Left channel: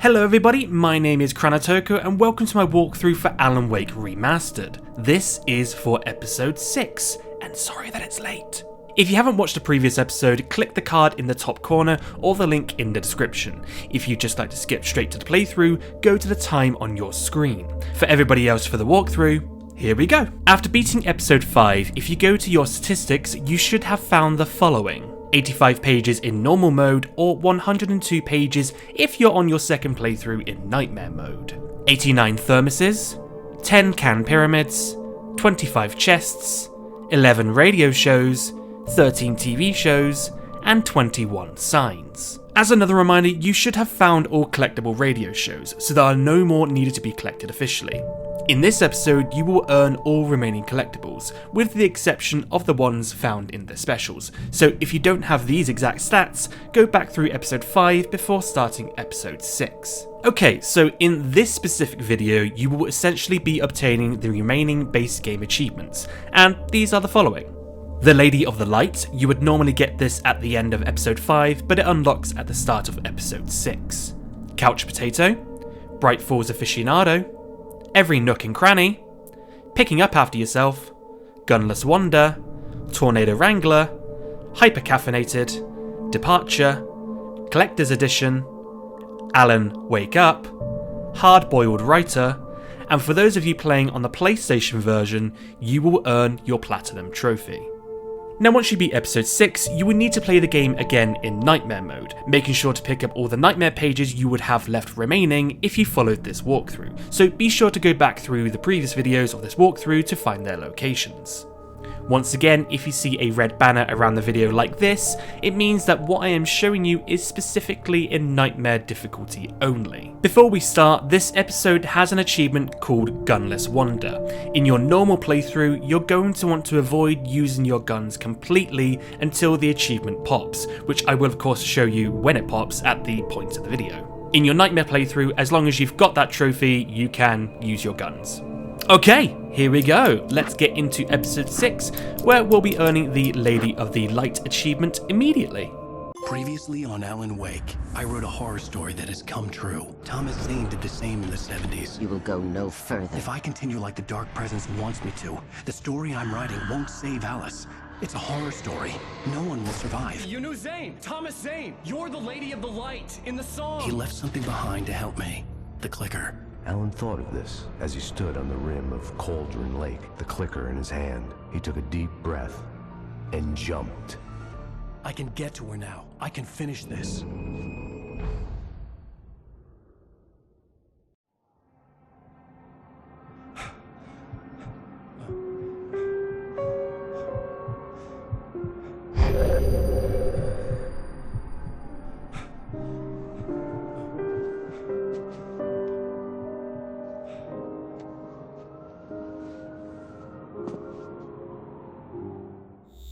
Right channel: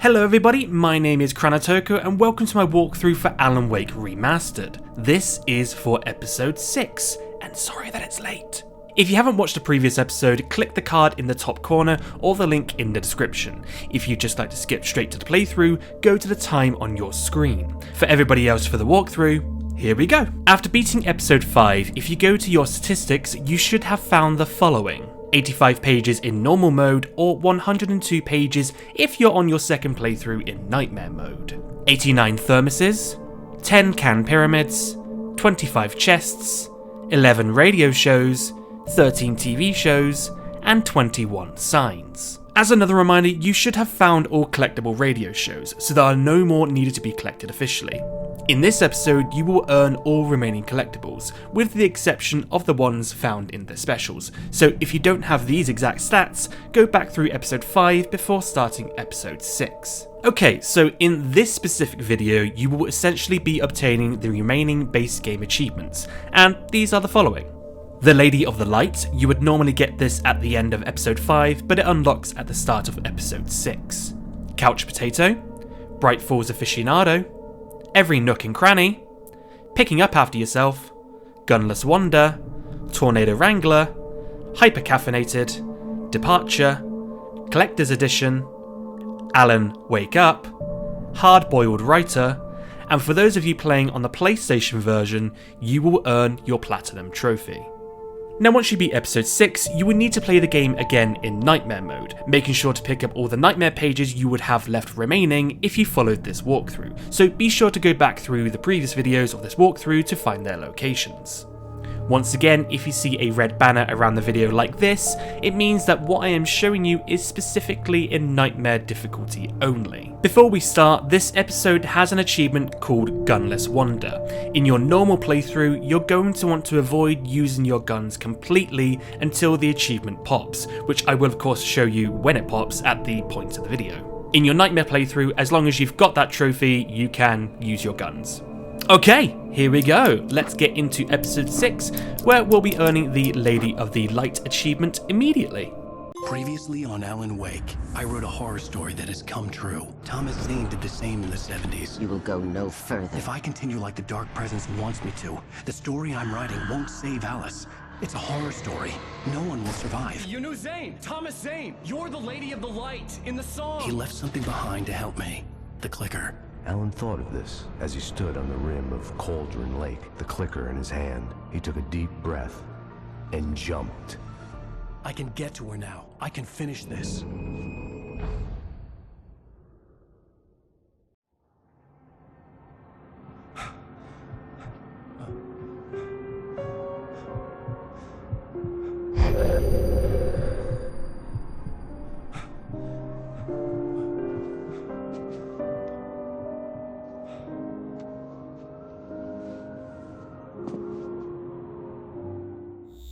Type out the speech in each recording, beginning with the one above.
Hello everybody, my name is Cranny and welcome to my walkthrough for Alan Wake Remastered. This is for episode 6, and sorry that it's late. If you haven't watched the previous episode, click the card in the top corner or the link in the description. If you'd just like to skip straight to the playthrough, go to the time on your screen. For everybody else for the walkthrough, here we go. After beating episode 5, if you go to your statistics, you should have found the following. 85 pages in normal mode or 102 pages if you're on your second playthrough in nightmare mode. 89 thermoses, 10 can pyramids, 25 chests, 11 radio shows, 13 TV shows, and 21 signs. As another reminder, you should have found all collectible radio shows, so there are no more needed to be collected officially. In this episode, you will earn all remaining collectibles, with the exception of the ones found in the specials, so if you don't have these exact stats, go back through episode 5 before starting episode 6. Okay, so in this specific video, you will essentially be obtaining the remaining base game achievements, and these are the following. The Lady of the Light, you would normally get this at the end of episode 5, but it unlocks at the start of episode 6. Couch Potato, Bright Falls Aficionado, Every Nook and Cranny, Picking Up After Yourself, Gunless Wonder, Tornado Wrangler, Hypercaffeinated, Departure, Collector's Edition, Alan Wake Up, Hardboiled Writer, and for those of you playing on the PlayStation version, you will earn your Platinum Trophy. Now once you beat episode 6, you will need to play the game again in nightmare mode, making sure to pick up all the nightmare pages you would have left remaining if you followed this walkthrough, so be sure to go back through the previous videos of this walkthrough to find their locations. Once again, if you see a red banner around the video like this, it means that what I am showing you is specifically in nightmare difficulty only. Before we start, this episode has an achievement called Gunless Wonder. In your normal playthrough, you're going to want to avoid using your guns completely until the achievement pops, which I will of course show you when it pops at the point of the video. In your nightmare playthrough, as long as you've got that trophy, you can use your guns. Okay, here we go. Let's get into episode 6, where we'll be earning the Lady of the Light achievement immediately. Previously on Alan Wake, I wrote a horror story that has come true. Thomas Zane did the same in the 70s. You will go no further. If I continue like the Dark Presence wants me to, the story I'm writing won't save Alice. It's a horror story. No one will survive. You knew Zane! Thomas Zane! You're the Lady of the Light in the song! He left something behind to help me. The clicker. Alan thought of this as he stood on the rim of Cauldron Lake, the clicker in his hand. He took a deep breath and jumped. I can get to her now. I can finish this.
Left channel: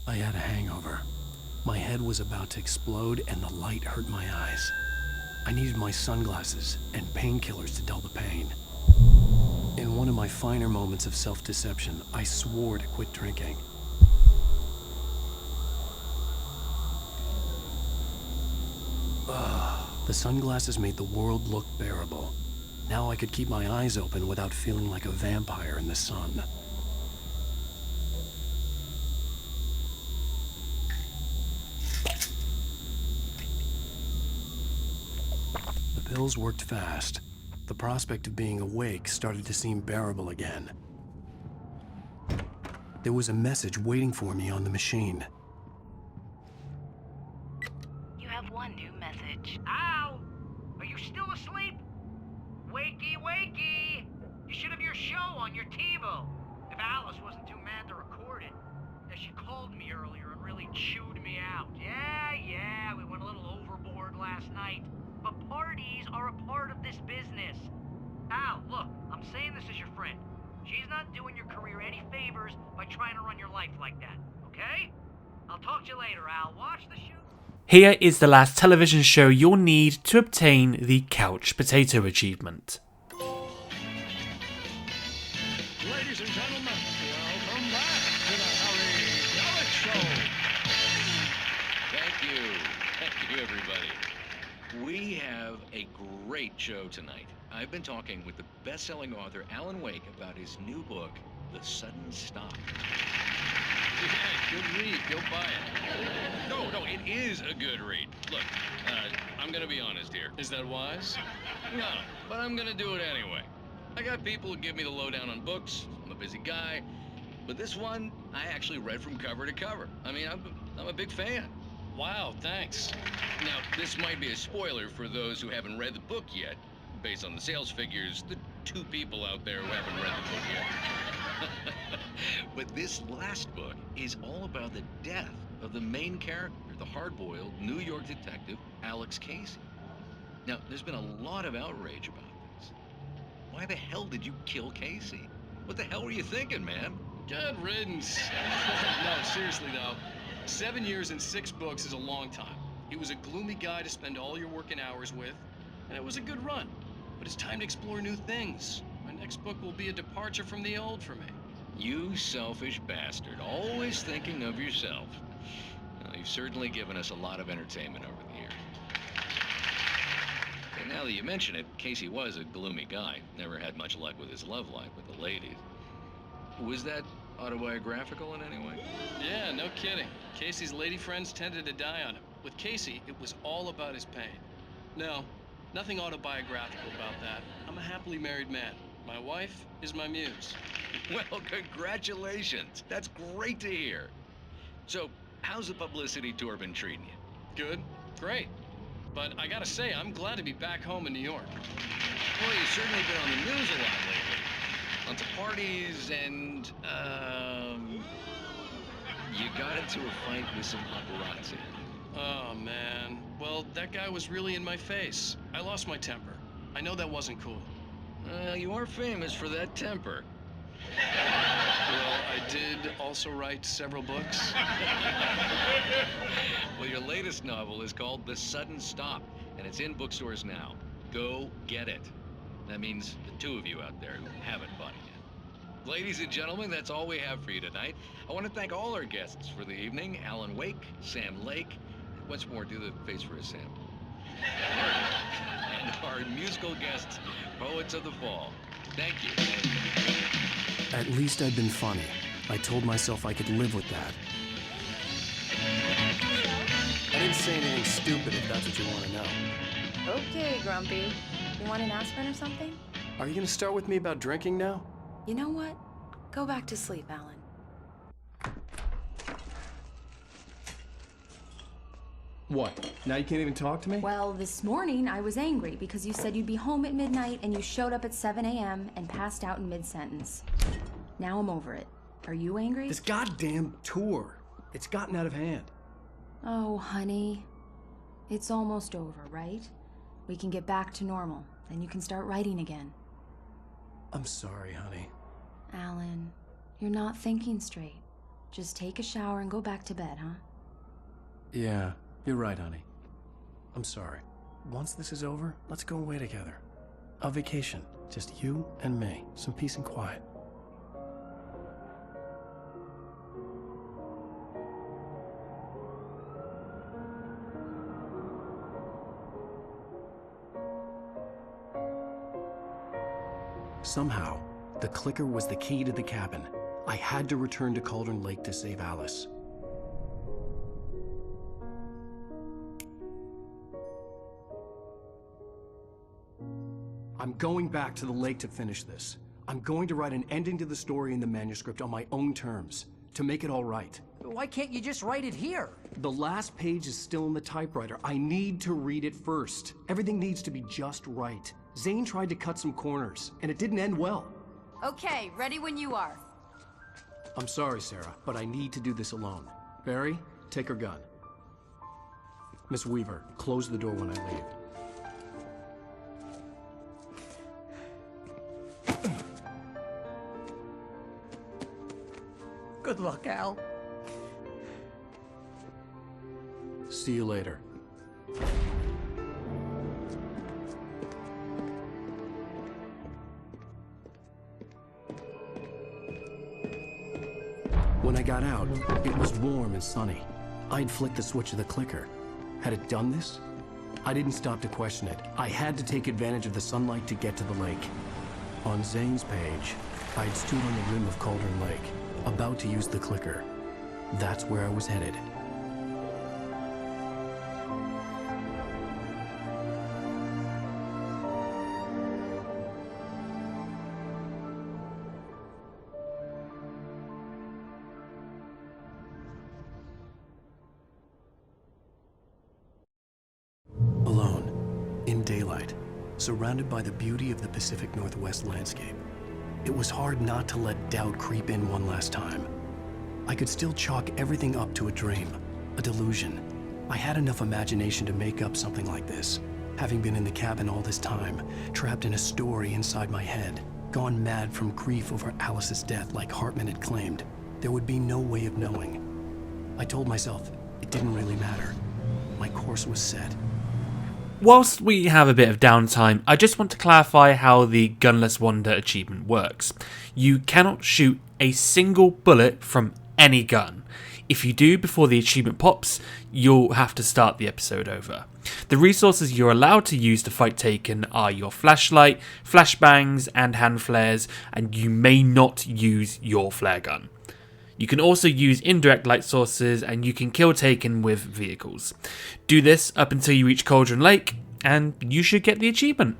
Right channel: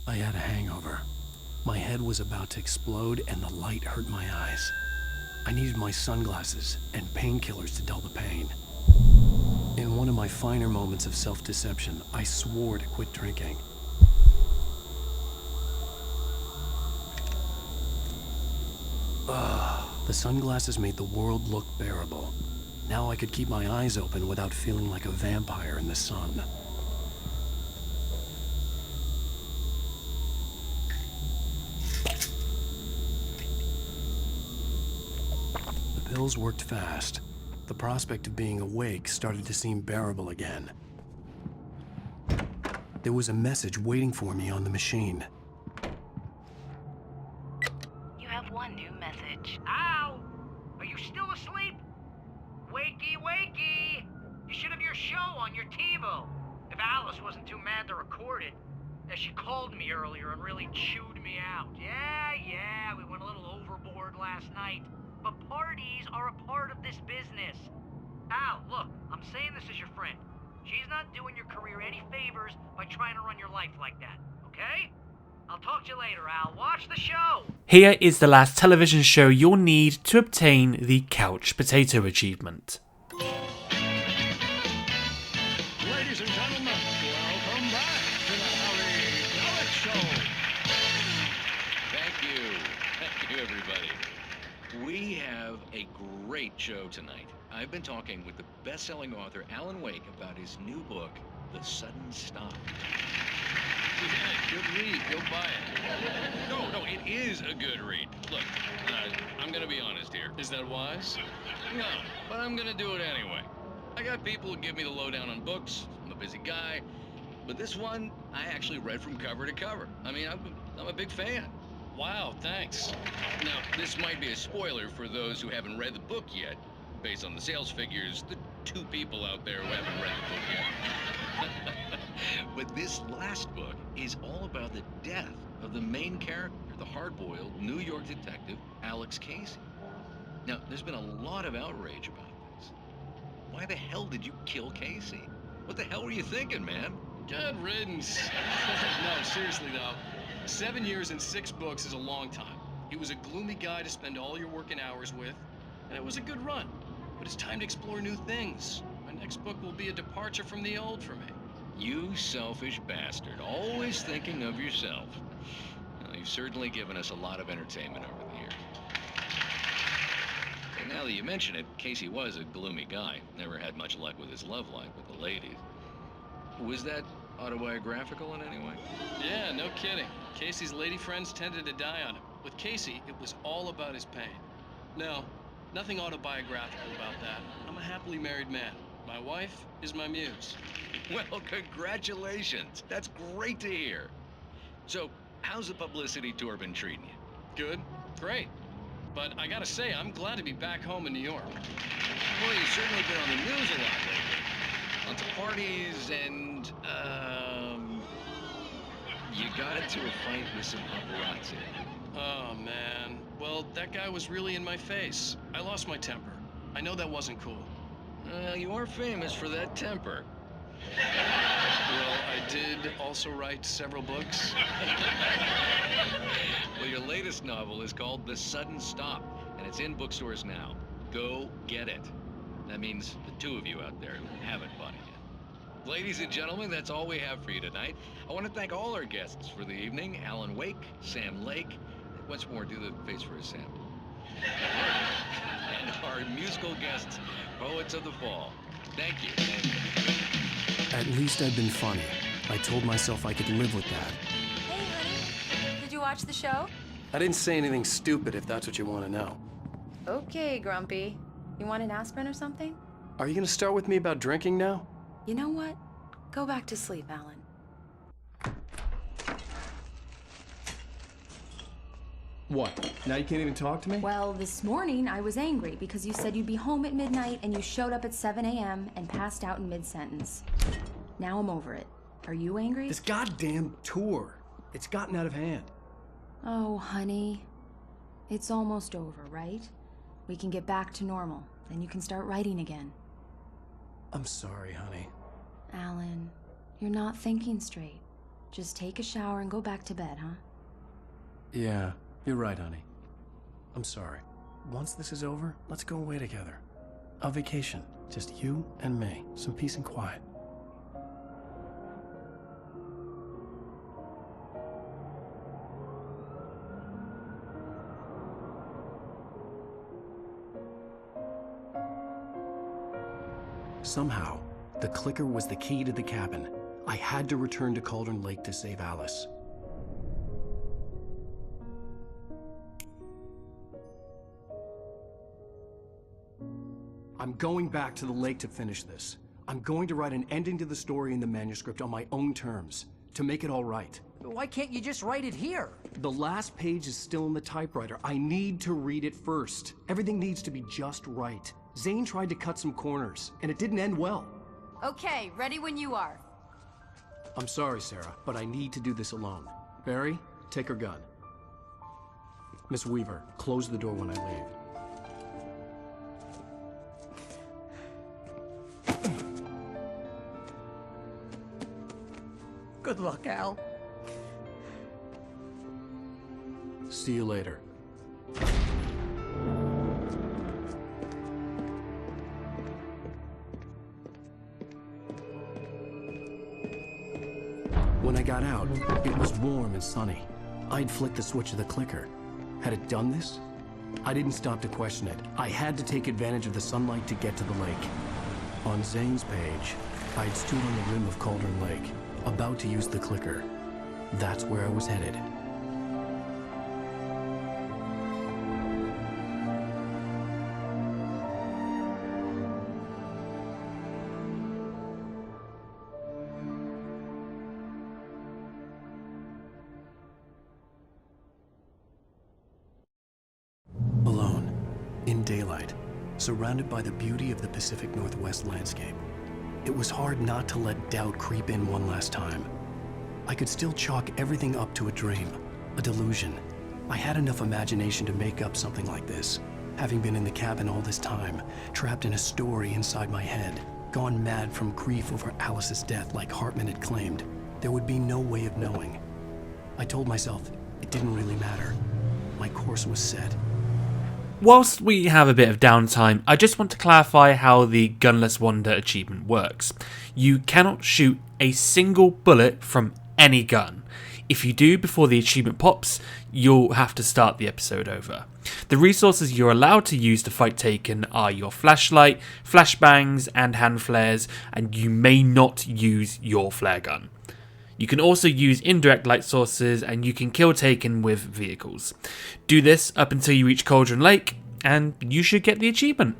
I had a hangover. My head was about to explode and the light hurt my eyes. I needed my sunglasses and painkillers to dull the pain. In one of my finer moments of self-deception, I swore to quit drinking. The sunglasses made the world look bearable. Now I could keep my eyes open without feeling like a vampire in the sun. The pills worked fast. The prospect of being awake started to seem bearable again. There was a message waiting for me on the machine. You have one new message. Al! Are you still asleep? Wakey, wakey! You should have your show on your TiVo. If Alice wasn't too mad to record it. She called me earlier and really chewed me out. Yeah, we went a little overboard last night. But parties are a part of this business. Al, look, I'm saying this as your friend. She's not doing your career any favors by trying to run your life like that, okay? I'll talk to you later, Al. Watch the show. Here is the last television show you'll need to obtain the Couch Potato achievement. Ladies and gentlemen, welcome back to the Harry Gallic Show. Thank you, everybody. We have have a great show tonight. I've been talking with the best-selling author Alan Wake about his new book, The Sudden Stop. Yeah, good read. Go buy it. No, it is a good read. Look, I'm gonna be honest here. Is that wise? No, but I'm gonna do it anyway. I got people who give me the lowdown on books. I'm a busy guy. But this one, I actually read from cover to cover. I mean, I'm a big fan. Wow, thanks. Now, this might be a spoiler for those who haven't read the book yet. Based on the sales figures, the 2 people out there who haven't read the book yet. But this last book is all about the death of the main character, the hard-boiled New York detective, Alex Casey. Now, there's been a lot of outrage about this. Why the hell did you kill Casey? What the hell were you thinking, man? Good riddance. No, seriously though. 7 years and 6 books is a long time. He was a gloomy guy to spend all your working hours with, and it was a good run. But it's time to explore new things. My next book will be a departure from the old for me. You selfish bastard, always thinking of yourself. Well, you've certainly given us a lot of entertainment over the years. And now that you mention it, Casey was a gloomy guy. Never had much luck with his love life with the ladies. Was that autobiographical in any way? Yeah, no kidding. Casey's lady friends tended to die on him. With Casey, it was all about his pain. No, nothing autobiographical about that. I'm a happily married man. My wife is my muse. Well, congratulations. That's great to hear. So, how's the publicity tour been treating you? Good, great. But I gotta say, I'm glad to be back home in New York. Well, you've certainly been on the news a lot lately. Lots of parties and, you got into a fight with some paparazzi. Oh, man. Well, that guy was really in my face. I lost my temper. I know that wasn't cool. You are famous for that temper. Well, I did also write several books. Well, your latest novel is called The Sudden Stop, and it's in bookstores now. Go get it. That means the 2 of you out there who haven't bought it yet. Ladies and gentlemen, that's all we have for you tonight. I want to thank all our guests for the evening. Alan Wake, Sam Lake. Once more, do the face for us, Sam. And our musical guests, Poets of the Fall. Thank you. At least I've been funny. I told myself I could live with that. Hey, honey. Did you watch the show? I didn't say anything stupid, if that's what you want to know. Okay, Grumpy. You want an aspirin or something? Are you gonna start with me about drinking now? You know what? Go back to sleep, Alan. What? Now you can't even talk to me? Well, this morning I was angry because you said you'd be home at midnight and you showed up at 7 a.m. and passed out in mid-sentence. Now I'm over it. Are you angry? This goddamn tour. It's gotten out of hand. Oh, honey. It's almost over, right? We can get back to normal. Then you can start writing again. I'm sorry, honey. Alan, you're not thinking straight. Just take a shower and go back to bed, huh? Yeah, you're right, honey. I'm sorry. Once this is over, let's go away together. A vacation. Just you and me. Some peace and quiet. Somehow, the clicker was the key to the cabin. I had to return to Cauldron Lake to save Alice. I'm going back to the lake to finish this. I'm going to write an ending to the story in the manuscript on my own terms, to make it all right. Why can't you just write it here? The last page is still in the typewriter. I need to read it first. Everything needs to be just right. Zane tried to cut some corners, and it didn't end well. Okay, ready when you are. I'm sorry, Sarah, but I need to do this alone. Barry, take her gun. Miss Weaver, close the door when I leave. Good luck, Al. See you later. When I got out, it was warm and sunny. I'd flicked the switch of the clicker. Had it done this? I didn't stop to question it. I had to take advantage of the sunlight to get to the lake. On Zane's page, I'd stood on the rim of Cauldron Lake, about to use the clicker. That's where I was headed. Alone, in daylight, surrounded by the beauty of the Pacific Northwest landscape. It was hard not to let doubt creep in one last time. I could still chalk everything up to a dream, a delusion. I had enough imagination to make up something like this, having been in the cabin all this time, trapped in a story inside my head, gone mad from grief over Alice's death like Hartman had claimed. There would be no way of knowing. I told myself it didn't really matter. My course was set. Whilst we have a bit of downtime, I just want to clarify how the Gunless Wander achievement works. You cannot shoot a single bullet from any gun. If you do before the achievement pops, you'll have to start the episode over. The resources you're allowed to use to fight Taken are your flashlight, flashbangs, and hand flares, and you may not use your flare gun. You can also use indirect light sources, and you can kill Taken with vehicles. Do this up until you reach Cauldron Lake, and you should get the achievement.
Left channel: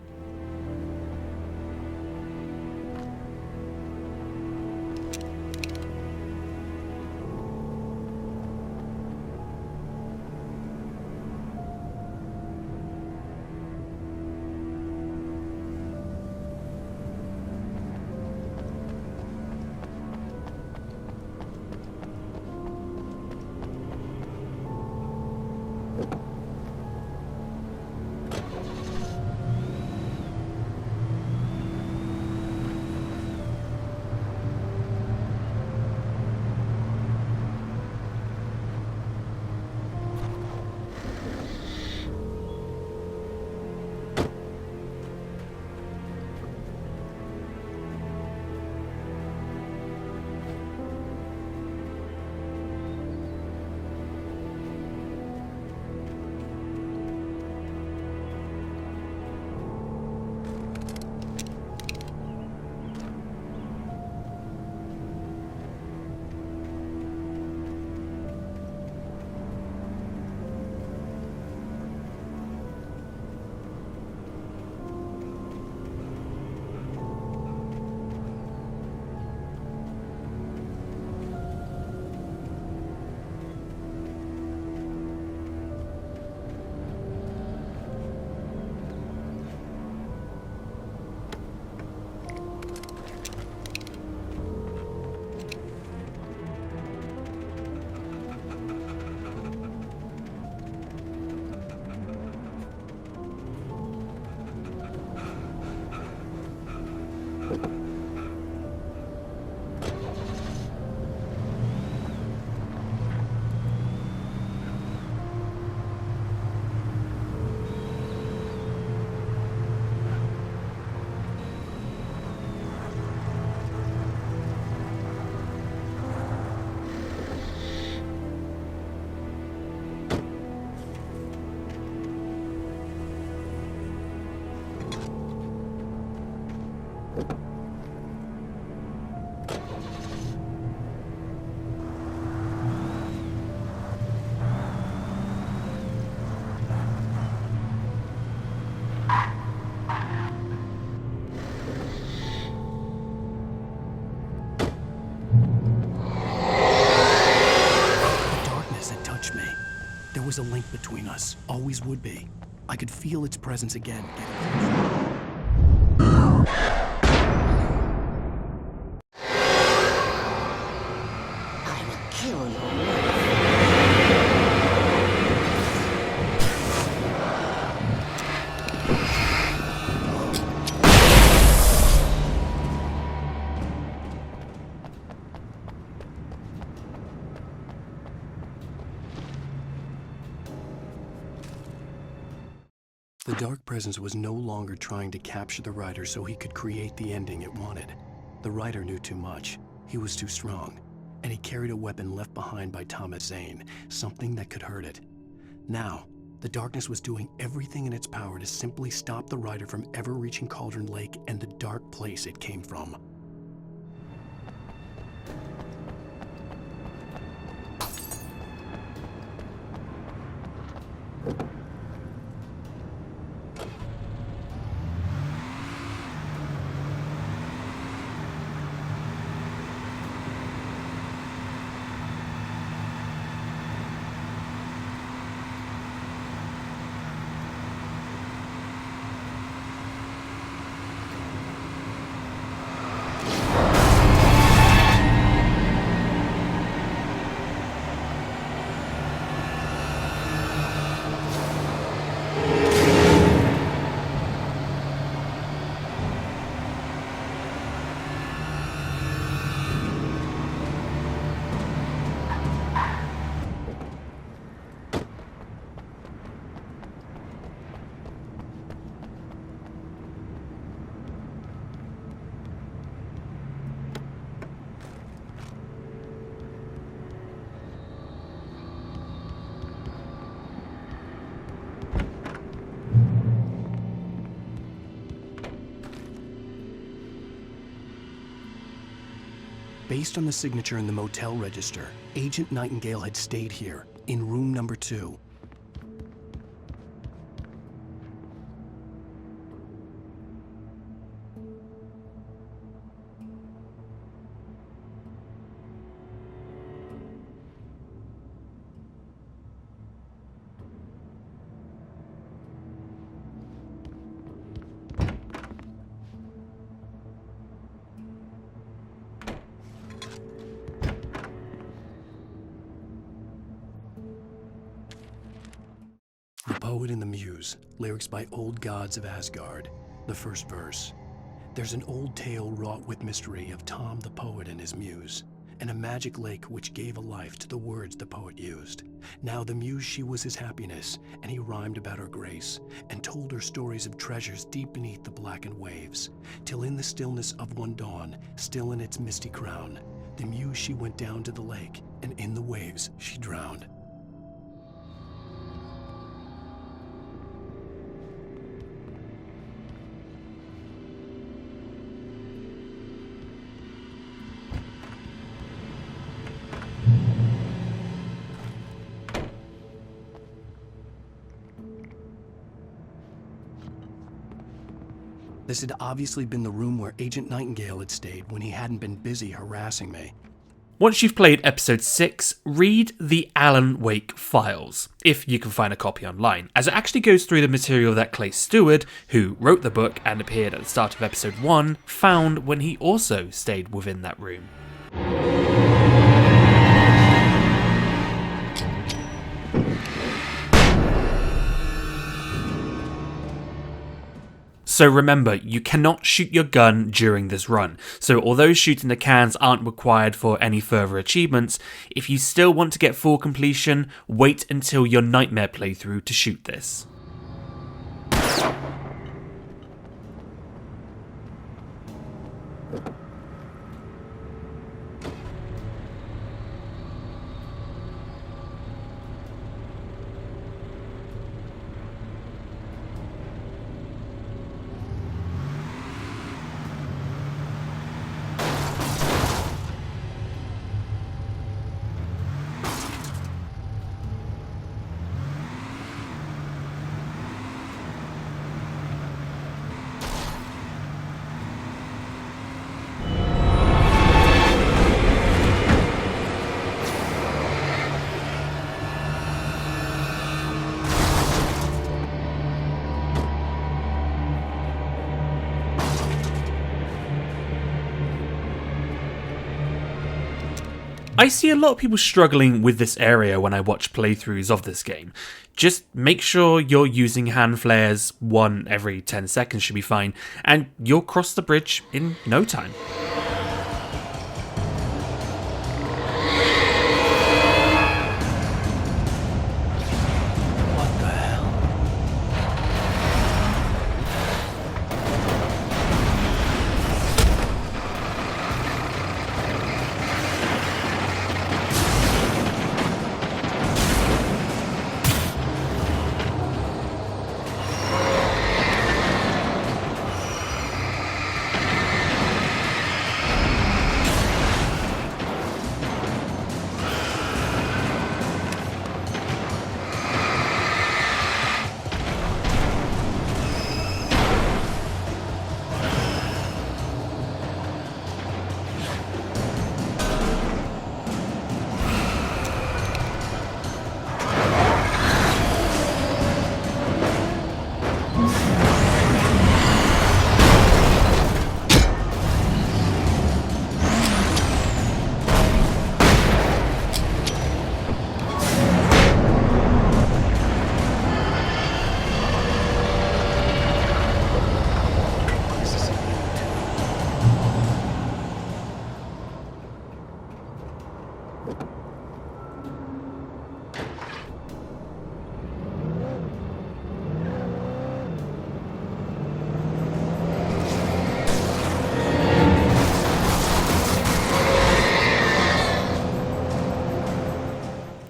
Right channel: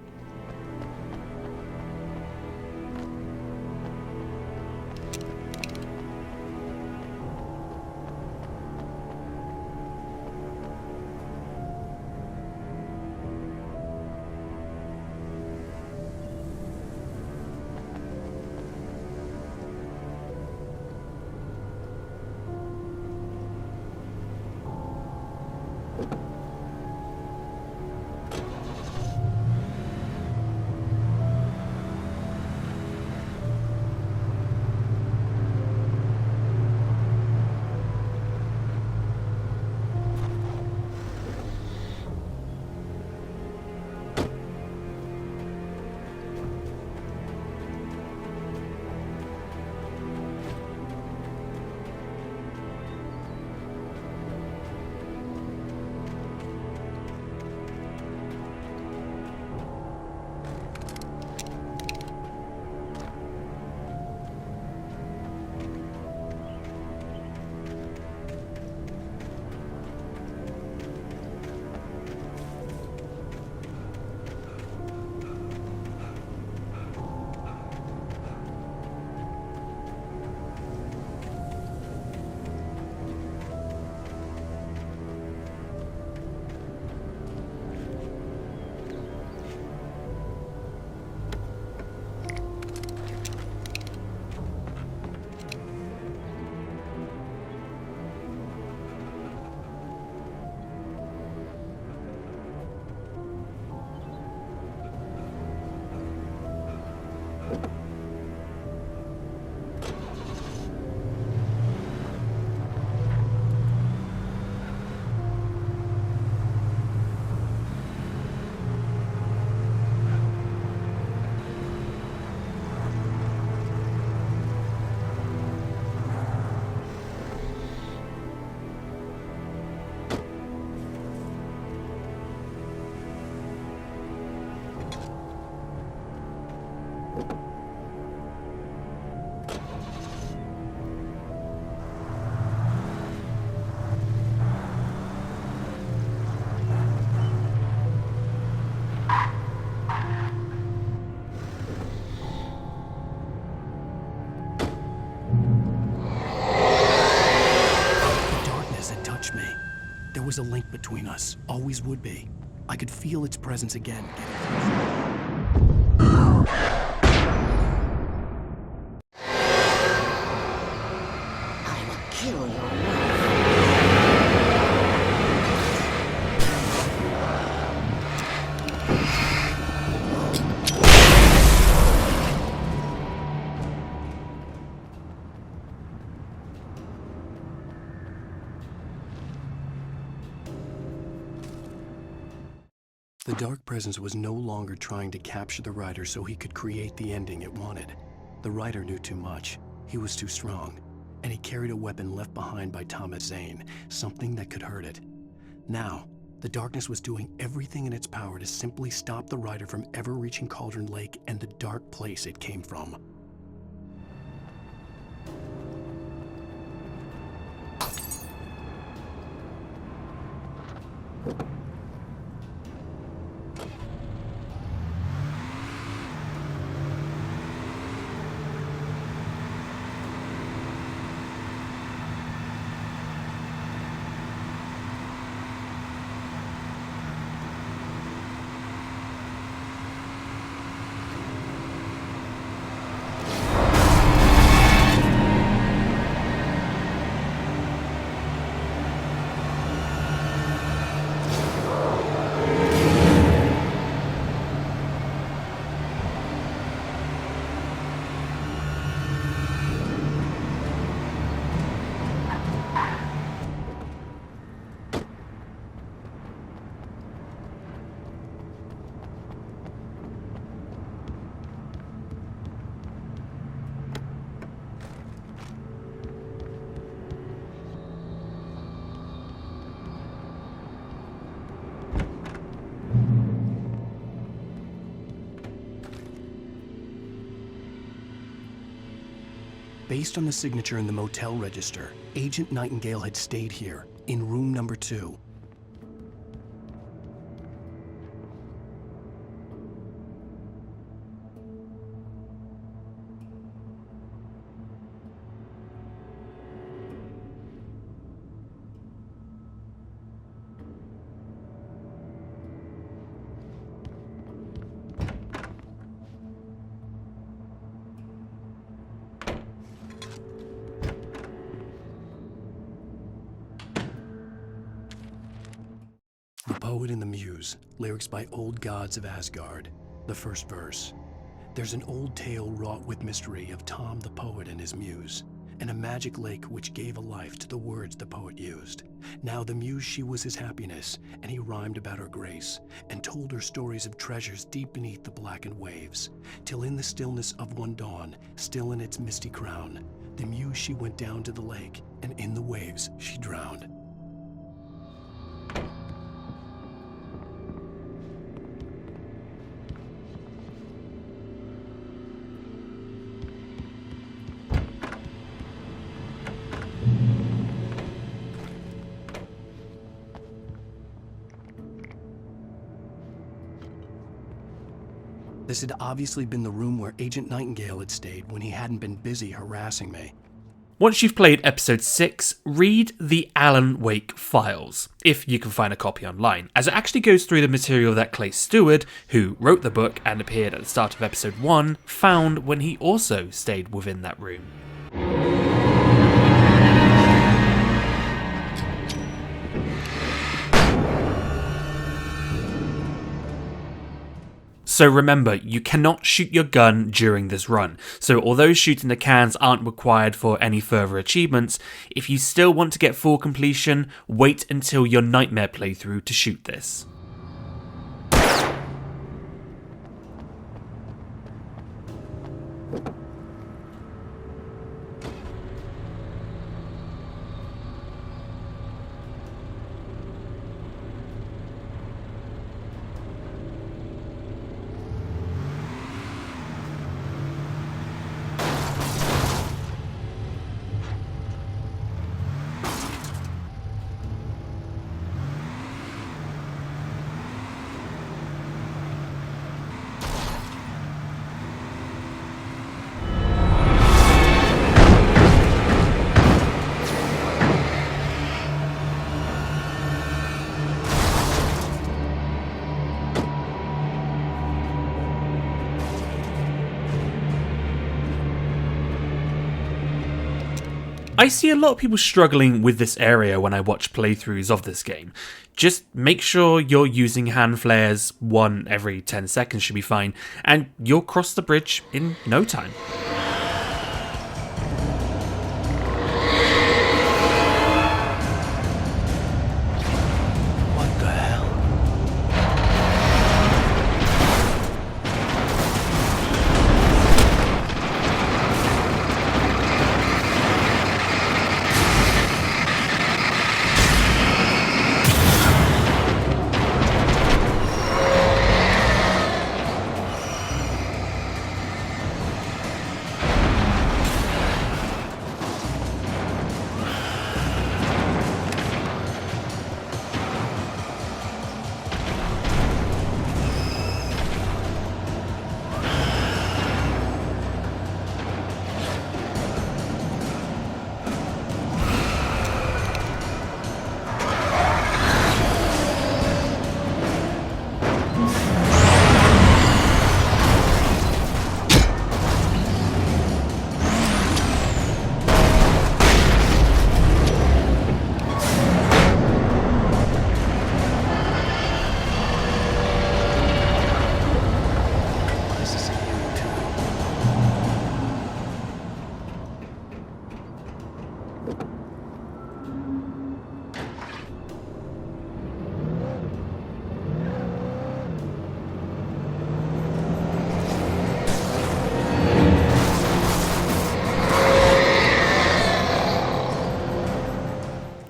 There was a link between us, always would be. I could feel its presence again, getting closer. I will kill your wife. The Dark Presence was no longer trying to capture the writer so he could create the ending it wanted. The writer knew too much. He was too strong. And he carried a weapon left behind by Thomas Zane, something that could hurt it. Now, The darkness was doing everything in its power to simply stop the rider from ever reaching Cauldron Lake and the dark place it came from. Based on the signature in the motel register, Agent Nightingale had stayed here, in room number 2. The Poet and the Muse, lyrics by Old Gods of Asgard. The first verse. There's an old tale wrought with mystery of Tom the Poet and his muse, and a magic lake which gave a life to the words the poet used. Now the muse she was his happiness, and he rhymed about her grace, and told her stories of treasures deep beneath the blackened waves, till in the stillness of one dawn, still in its misty crown, the muse she went down to the lake, and in the waves she drowned. This had obviously been the room where Agent Nightingale had stayed when he hadn't been busy harassing me. Once you've played episode 6, read the Alan Wake files, if you can find a copy online, as it actually goes through the material that Clay Stewart, who wrote the book and appeared at the start of episode 1, found when he also stayed within that room. So remember, you cannot shoot your gun during this run, so although shooting the cans aren't required for any further achievements, if you still want to get full completion, wait until your Nightmare playthrough to shoot this. I see a lot of people struggling with this area when I watch playthroughs of this game. Just make sure you're using hand flares, 1 every 10 seconds should be fine, and you'll cross the bridge in no time. What the hell?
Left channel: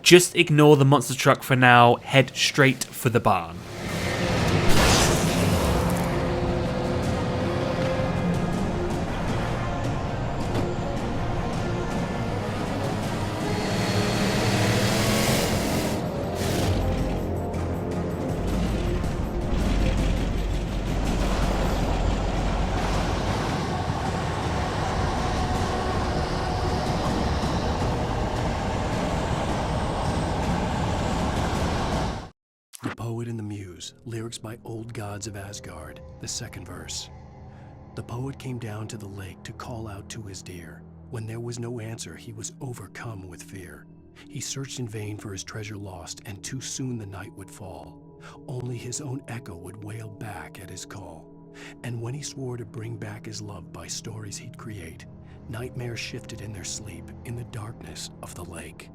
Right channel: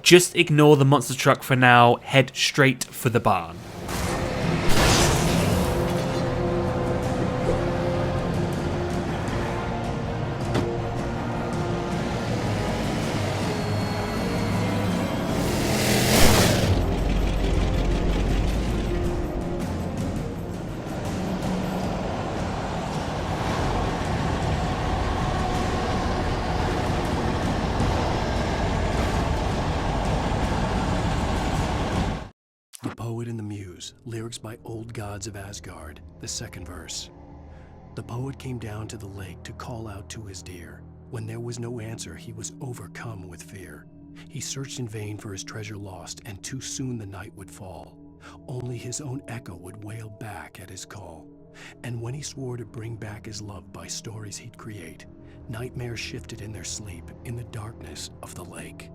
Just ignore the monster truck for now, head straight for the barn. The Poet and the Muse, lyrics by Old Gods of Asgard, the second verse. The poet came down to the lake to call out to his dear. When there was no answer, he was overcome with fear. He searched in vain for his treasure lost, and too soon the night would fall. Only his own echo would wail back at his call. And when he swore to bring back his love by stories he'd create, nightmares shifted in their sleep in the darkness of the lake.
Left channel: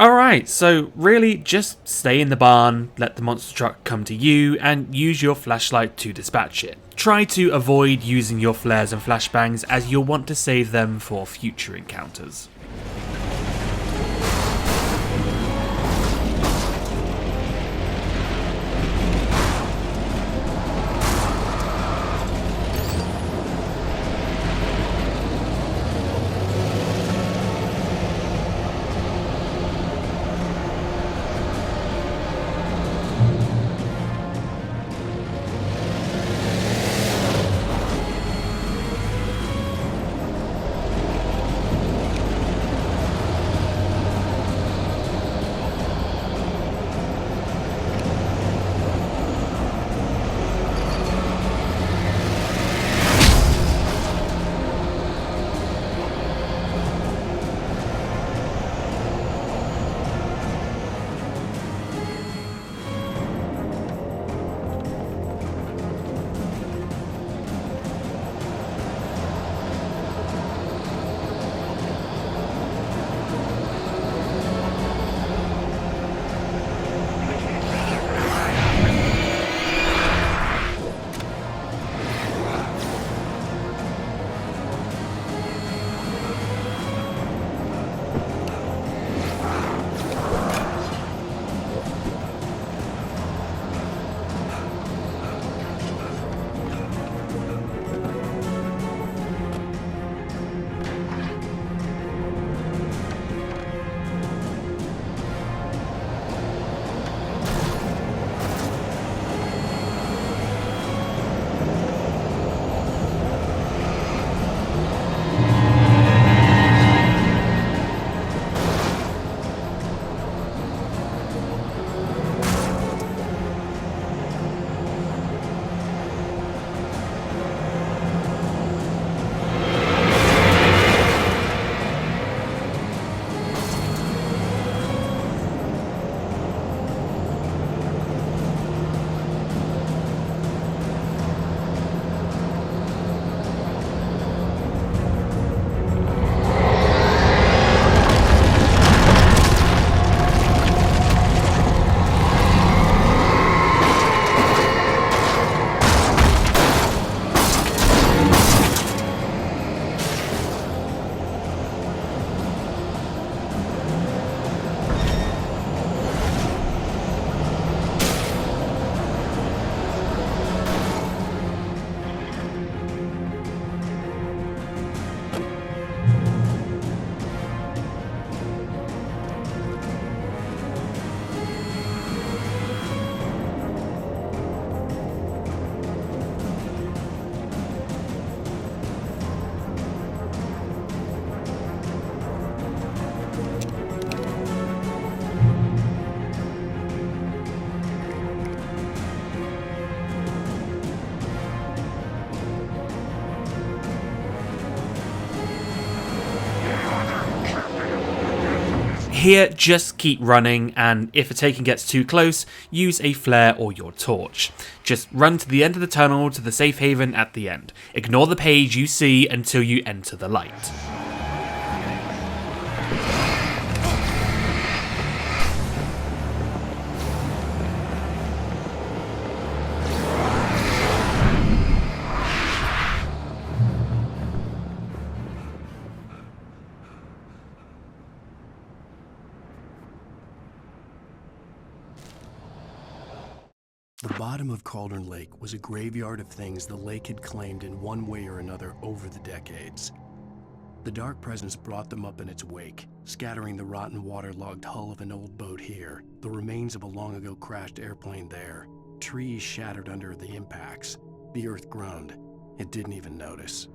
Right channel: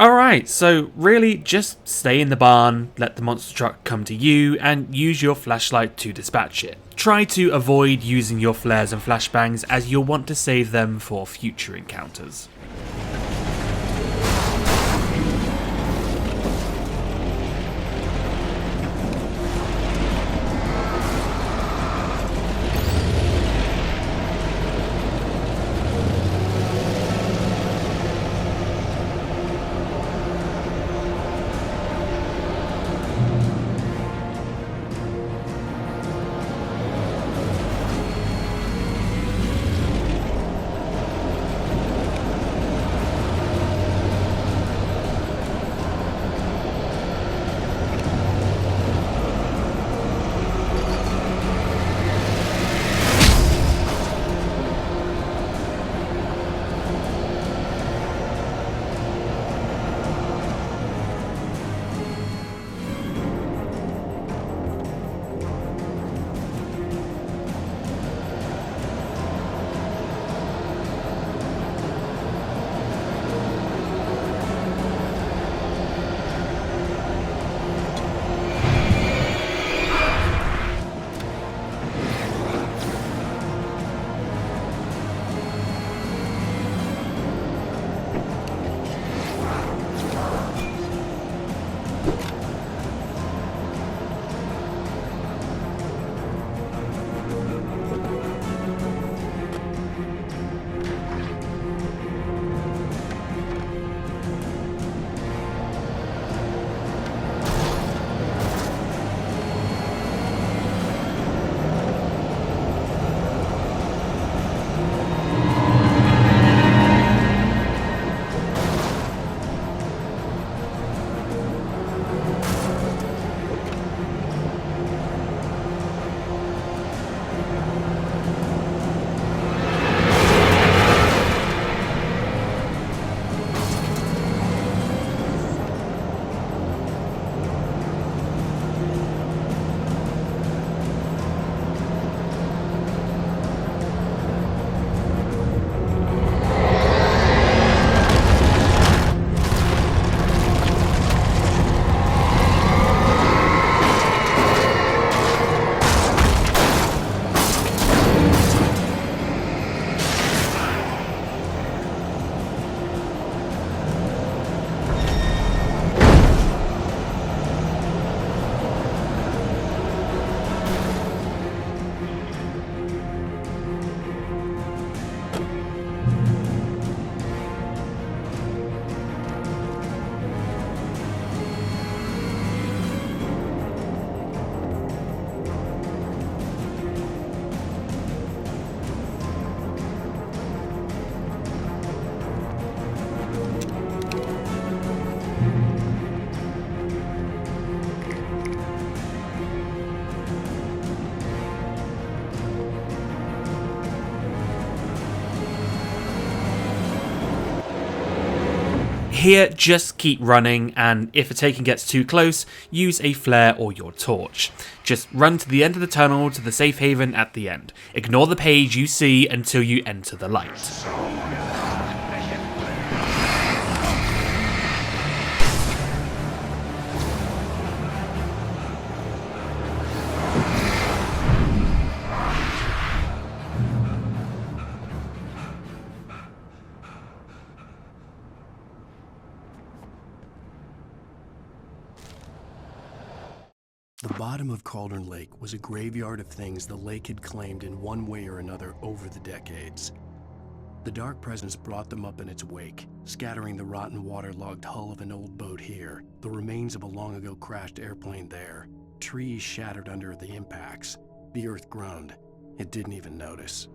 Alright, so really just stay in the barn, let the monster truck come to you, and use your flashlight to dispatch it. Try to avoid using your flares and flashbangs as you'll want to save them for future encounters. Here, just keep running, and if a taken gets too close, use a flare or your torch. Just run to the end of the tunnel to the safe haven at the end. Ignore the page you see until you enter the light. The bottom of Cauldron Lake was a graveyard of things the lake had claimed in one way or another over the decades. The dark presence brought them up in its wake, scattering the rotten waterlogged hull of an old boat here, the remains of a long-ago crashed airplane there, trees shattered under the impacts. The earth groaned. It didn't even notice.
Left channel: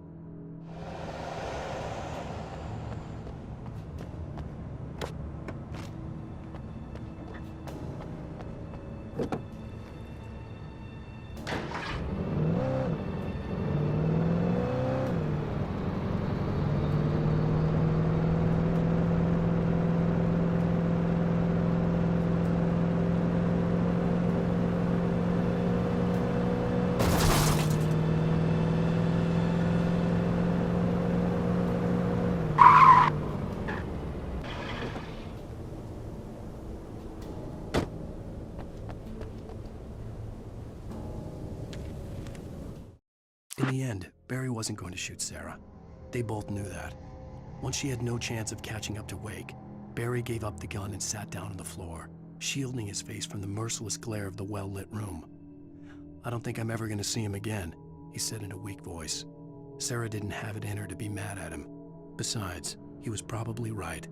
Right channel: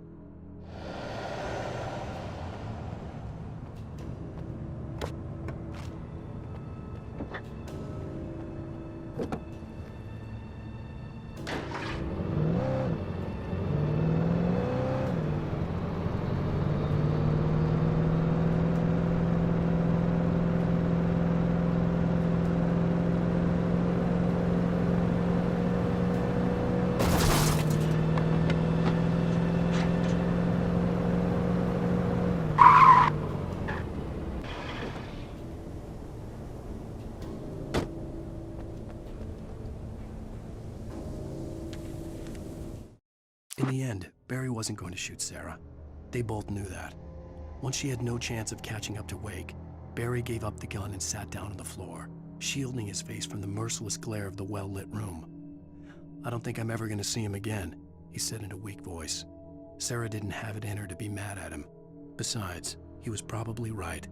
In the end, Barry wasn't going to shoot Sarah. They both knew that. Once she had no chance of catching up to Wake, Barry gave up the gun and sat down on the floor, shielding his face from the merciless glare of the well-lit room. "I don't think I'm ever going to see him again," he said in a weak voice. Sarah didn't have it in her to be mad at him. Besides, he was probably right.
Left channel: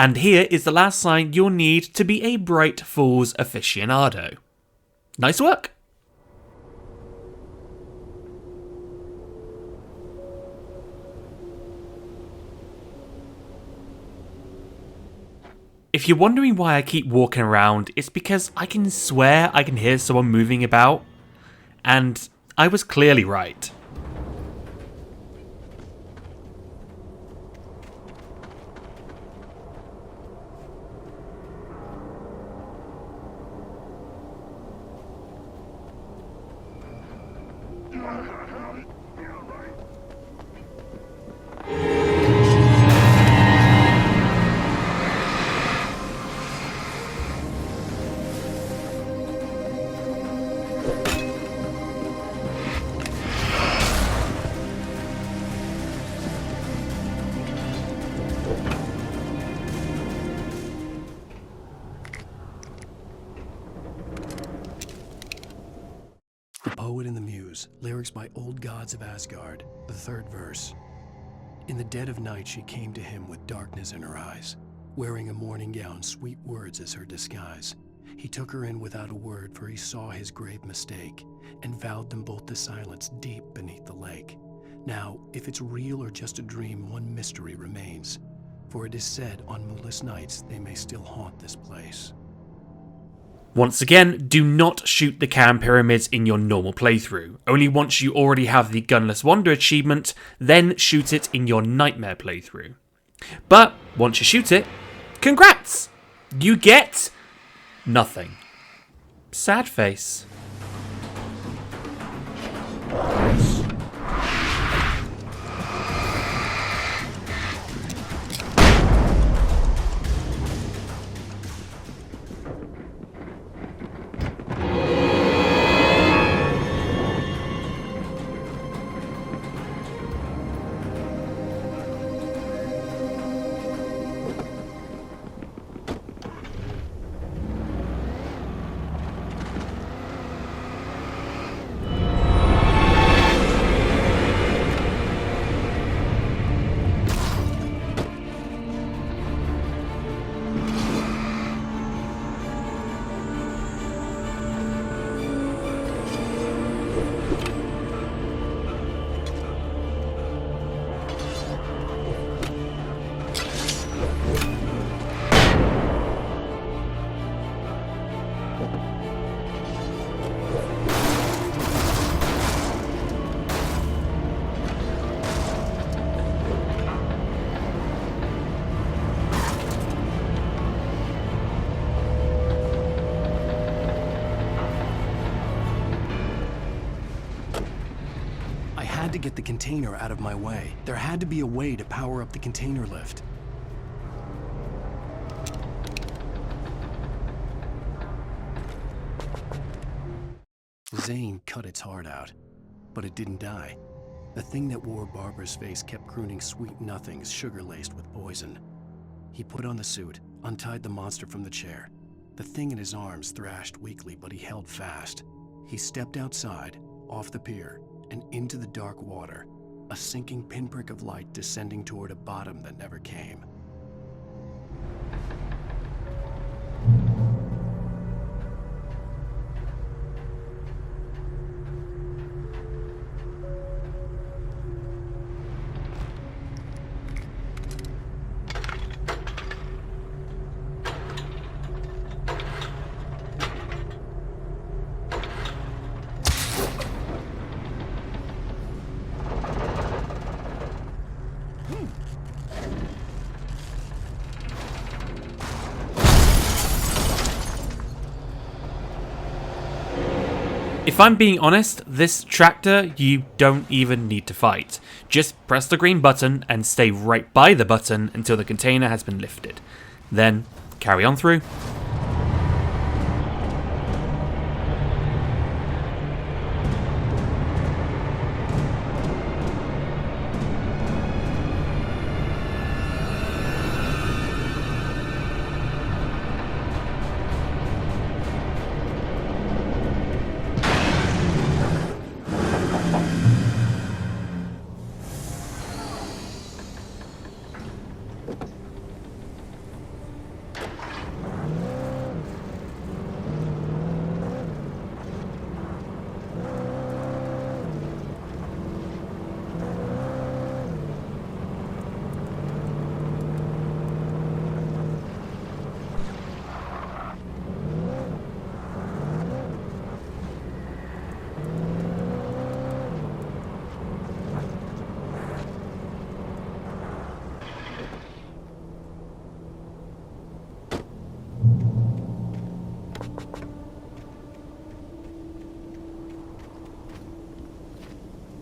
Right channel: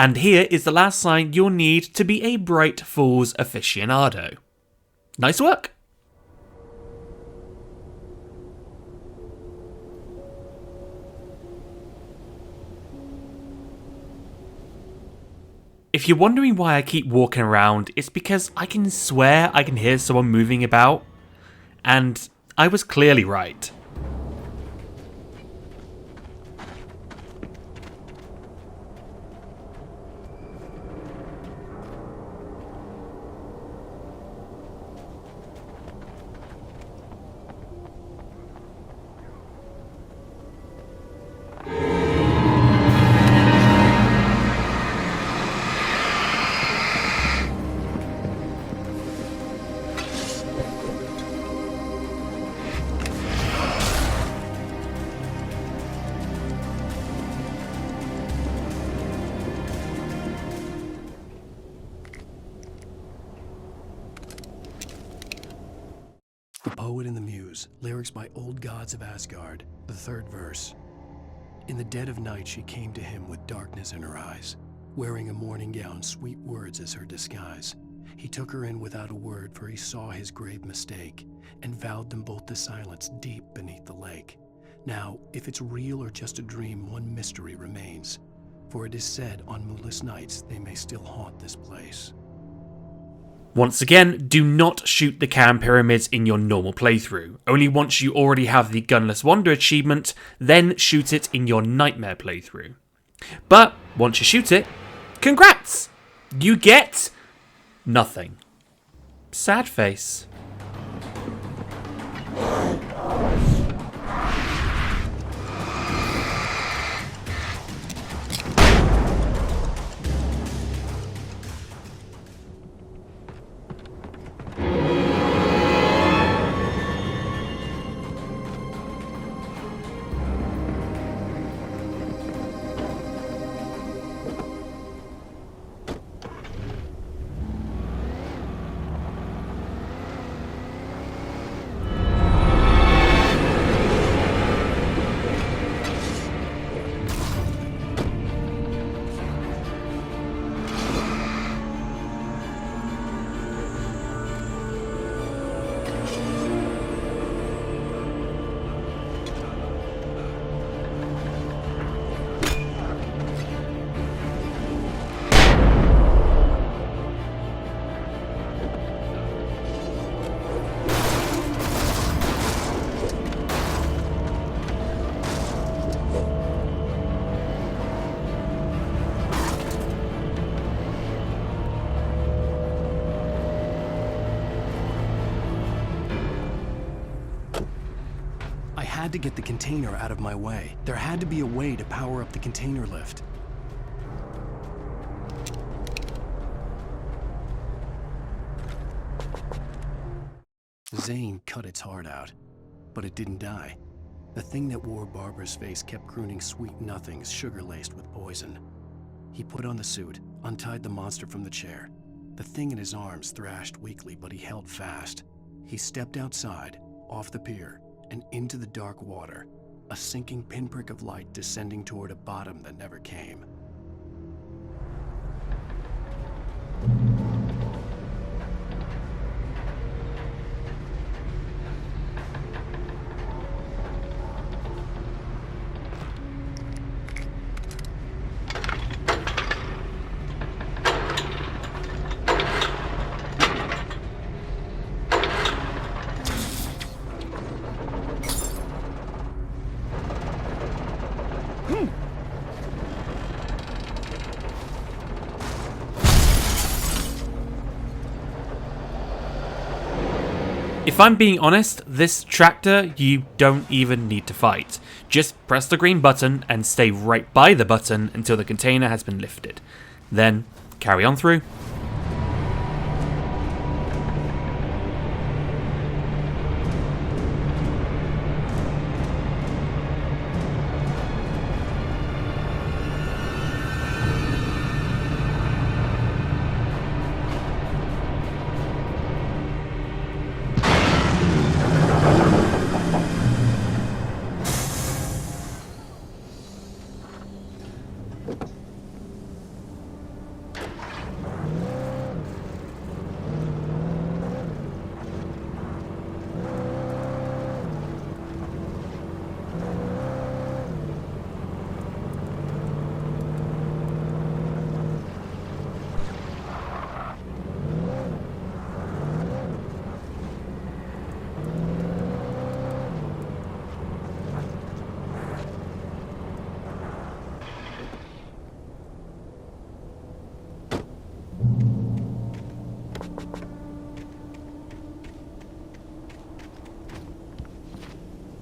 And here is the last sign you'll need to be a Bright Falls aficionado. Nice work! If you're wondering why I keep walking around, it's because I can swear I can hear someone moving about. And I was clearly right. The Poet and the Muse, lyrics by Old Gods of Asgard, the 3rd verse. In the dead of night she came to him with darkness in her eyes, wearing a morning gown, sweet words as her disguise. He took her in without a word, for he saw his grave mistake, and vowed them both to silence deep beneath the lake. Now, if it's real or just a dream, one mystery remains, for it is said on moonless nights they may still haunt this place. Once again, do not shoot the Can Pyramids in your normal playthrough. Only once you already have the Gunless Wander achievement, then shoot it in your Nightmare playthrough. But once you shoot it, congrats! You get nothing. Sad face. I had to get the container out of my way. There had to be a way to power up the container lift. Zane cut its heart out, but it didn't die. The thing that wore Barbara's face kept crooning sweet nothings sugar-laced with poison. He put on the suit, untied the monster from the chair. The thing in his arms thrashed weakly, but he held fast. He stepped outside, off the pier, and into the dark water, a sinking pinprick of light descending toward a bottom that never came. If I'm being honest, this tractor you don't even need to fight. Just press the green button and stay right by the button until the container has been lifted. Then carry on through.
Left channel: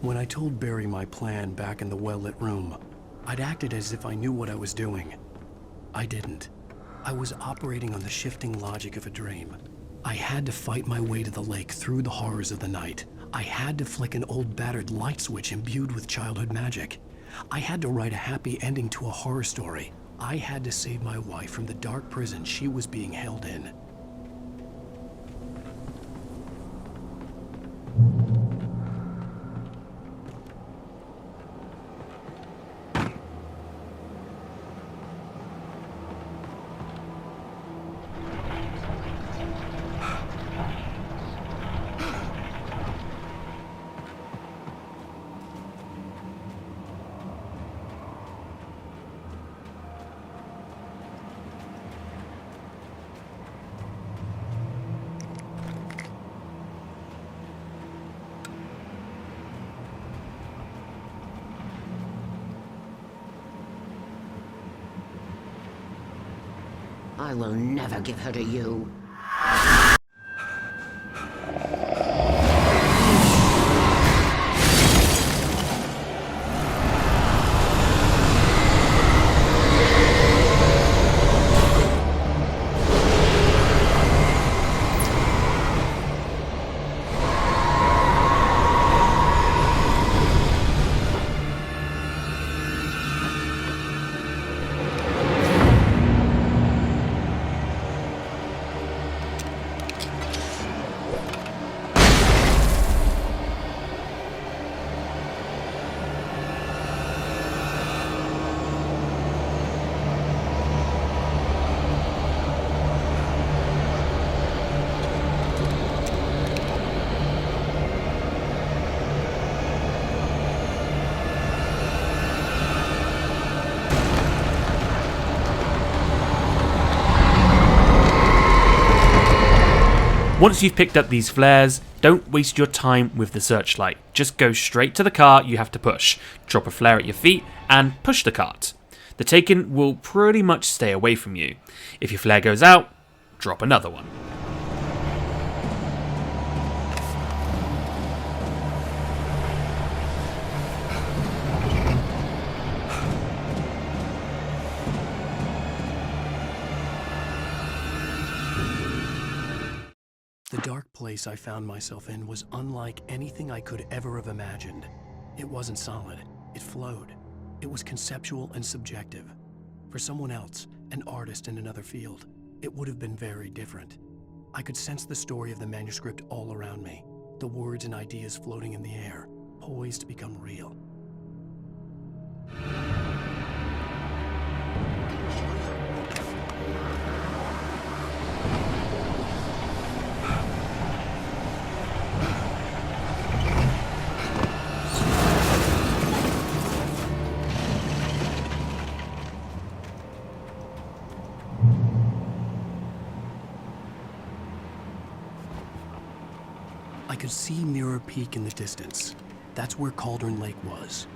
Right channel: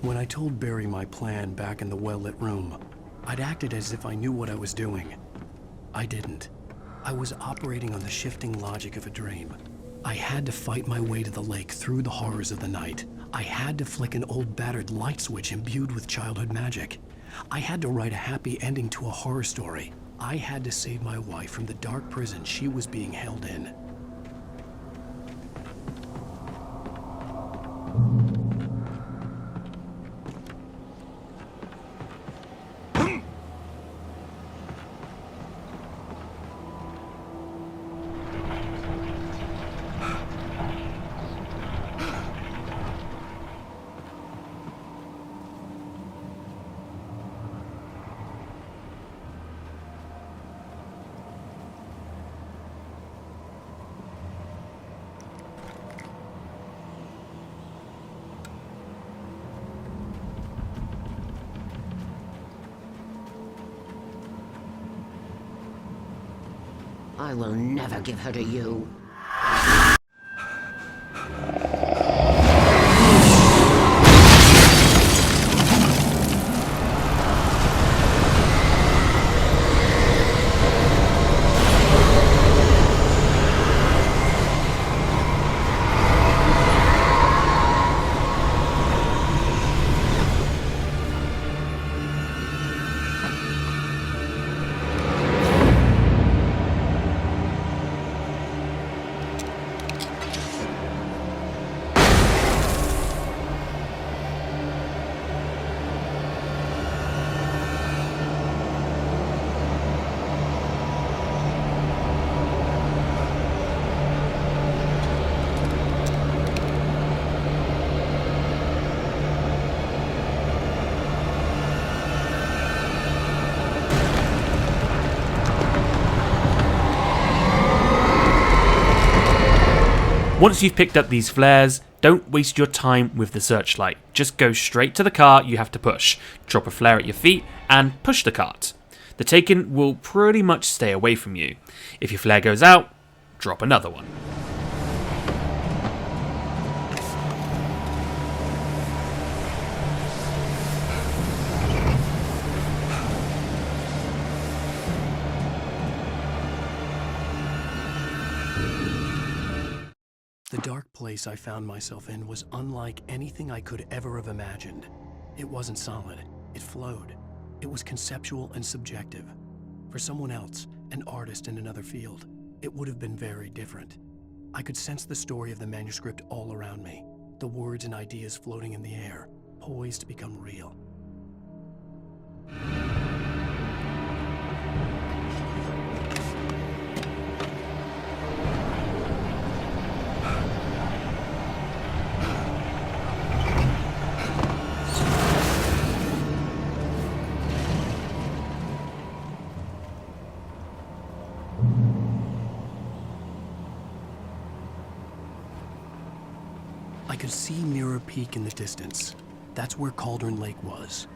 When I told Barry my plan back in the well-lit room, I'd acted as if I knew what I was doing. I didn't. I was operating on the shifting logic of a dream. I had to fight my way to the lake through the horrors of the night. I had to flick an old battered light switch imbued with childhood magic. I had to write a happy ending to a horror story. I had to save my wife from the dark prison she was being held in. I will never give her to you. Once you've picked up these flares, don't waste your time with the searchlight. Just go straight to the cart you have to push, drop a flare at your feet, and push the cart. The Taken will pretty much stay away from you. If your flare goes out, drop another one. The dark place I found myself in was unlike anything I could ever have imagined. It wasn't solid, it flowed. It was conceptual and subjective. For someone else, an artist in another field, it would have been very different. I could sense the story of the manuscript all around me, the words and ideas floating in the air, poised to become real. I could see Mirror Peak in the distance. That's where Cauldron Lake was.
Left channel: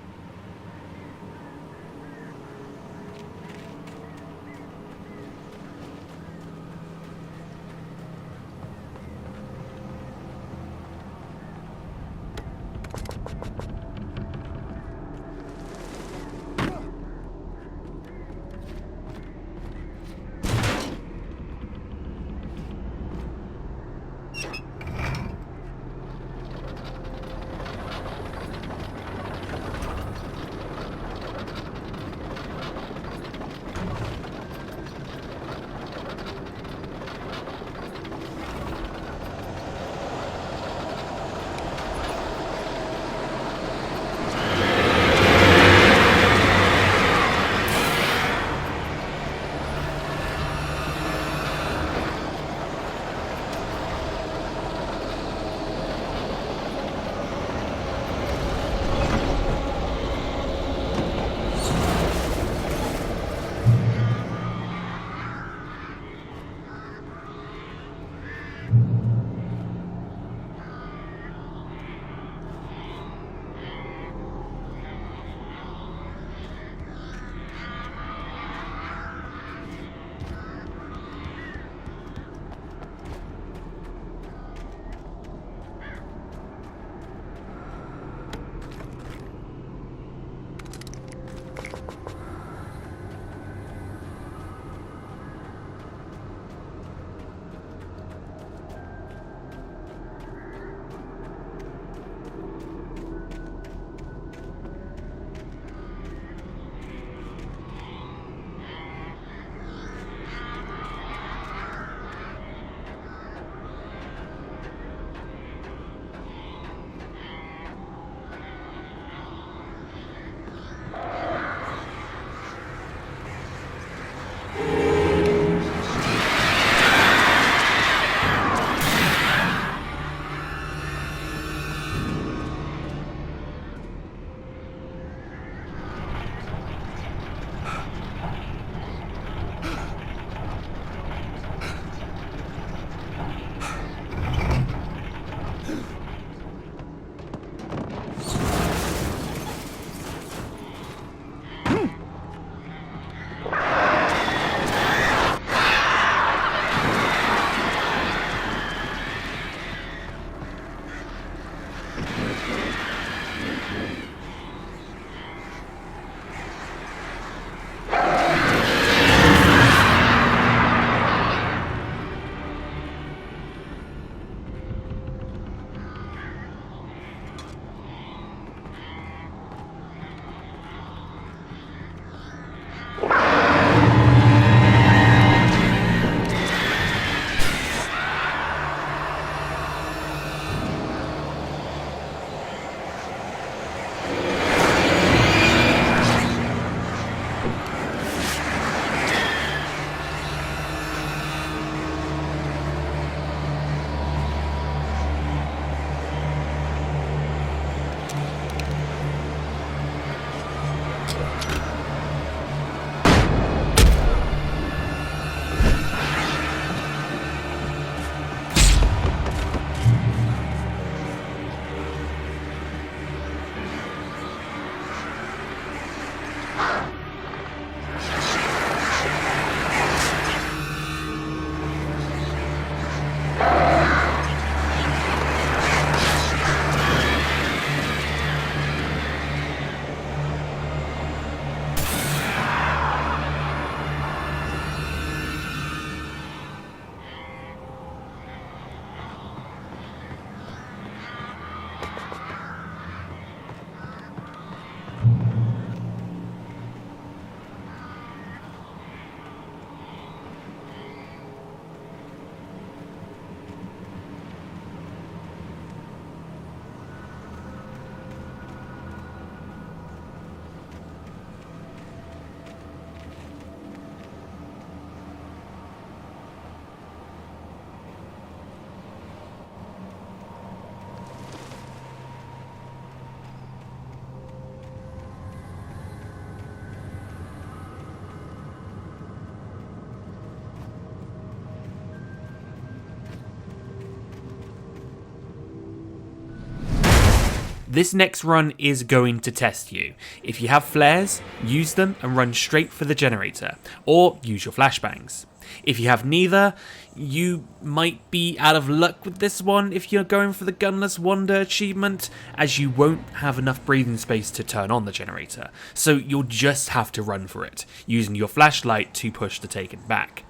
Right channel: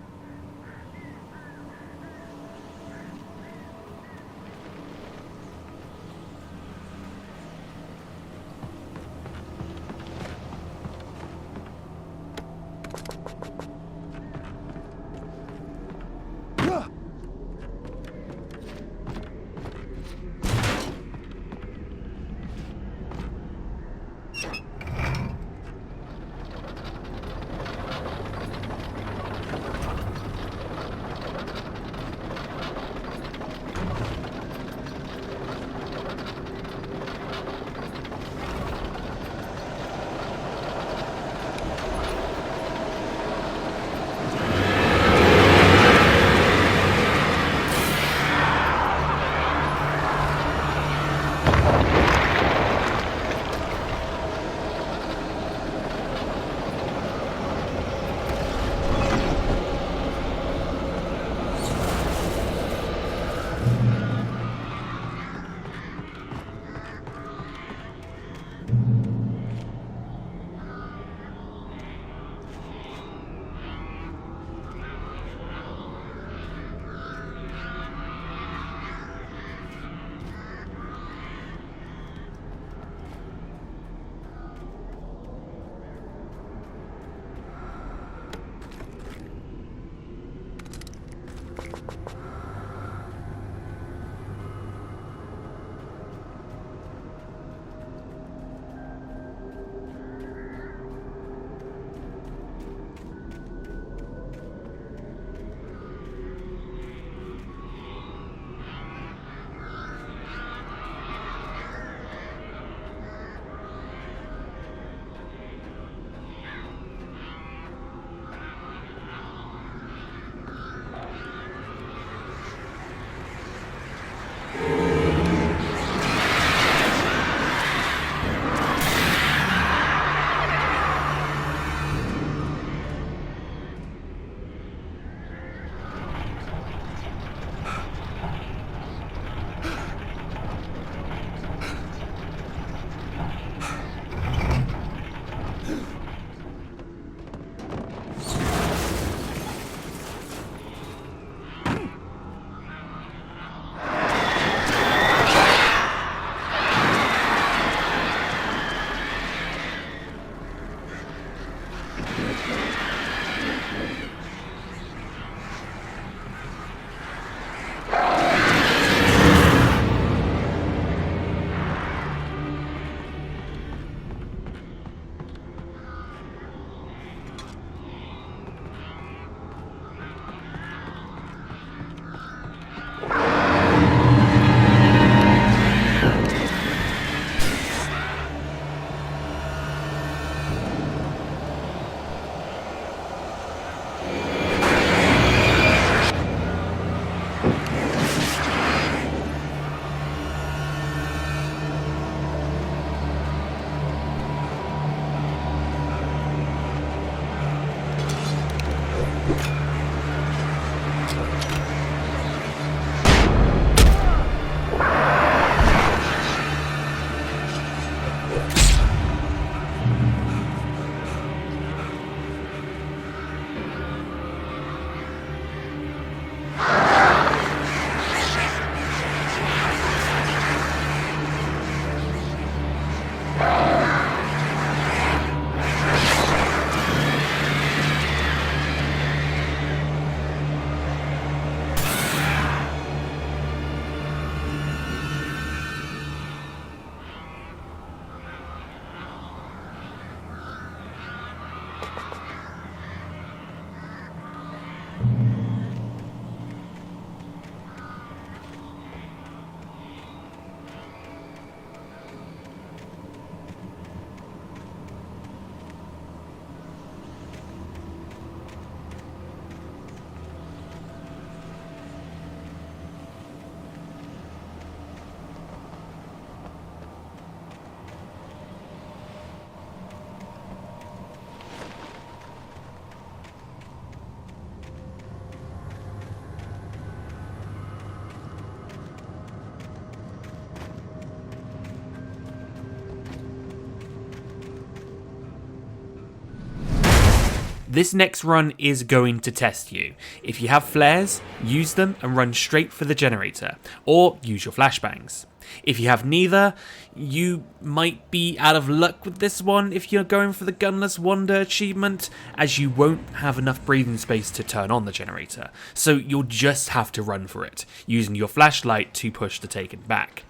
This next run is going to test you. If you have flares, use them and run straight for the generator, or use your flashbangs. If you have neither, you might be out of luck with this one if you're going for the Gunless Wander achievement, as you won't have enough breathing space to turn on the generator, so you'll just have to run for it, using your flashlight to push the Taken back.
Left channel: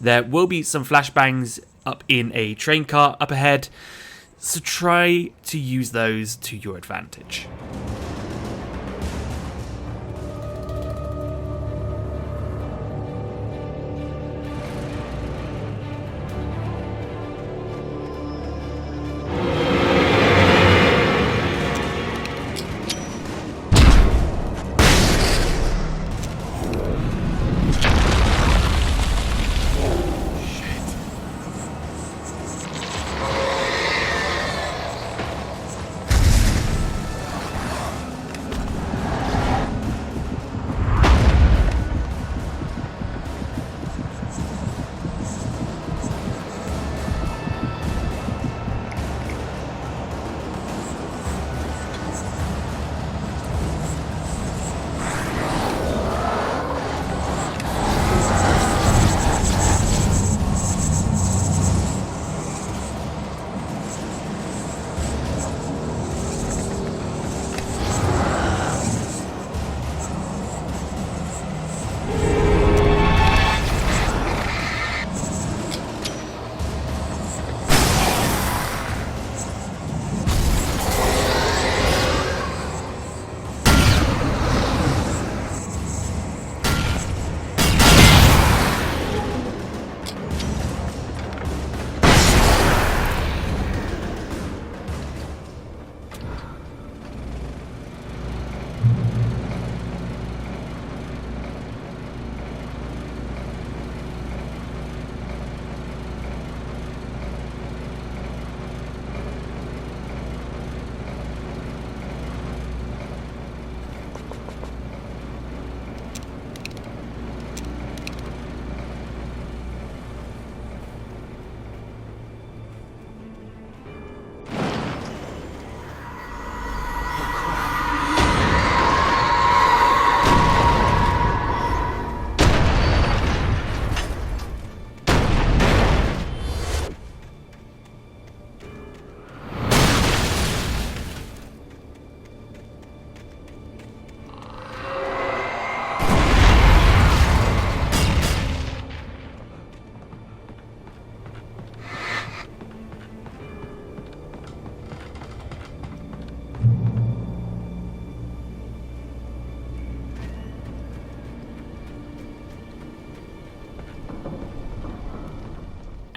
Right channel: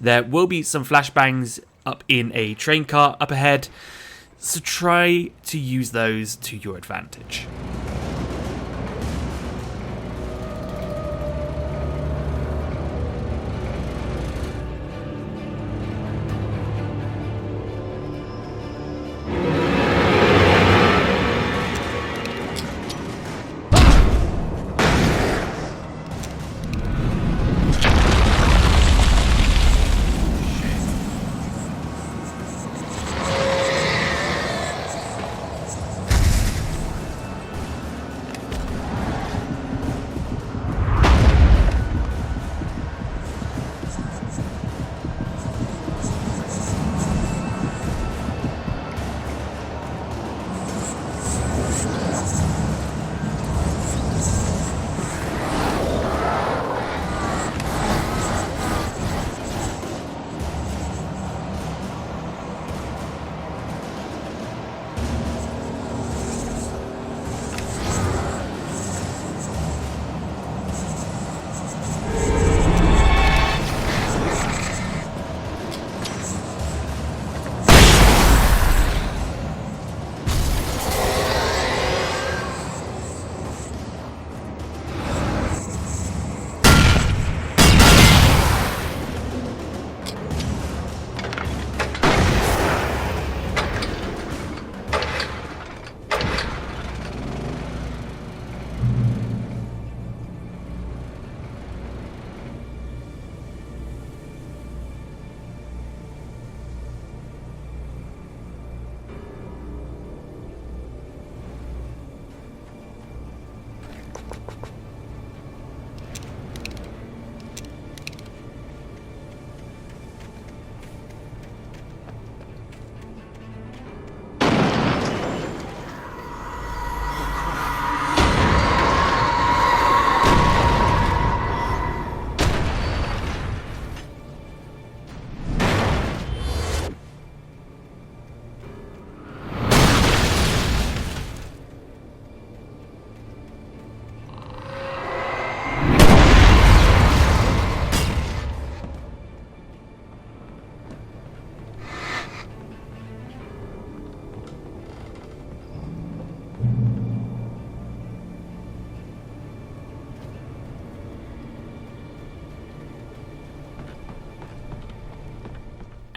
There will be some flashbangs up in a train car up ahead, so try to use those to your advantage.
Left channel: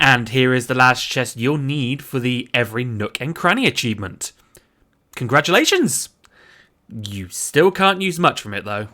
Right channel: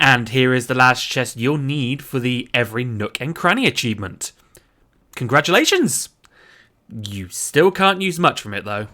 And here is the last chest you'll need for the Every Nook and Cranny achievement. Congratulations! You still can't use much from it though.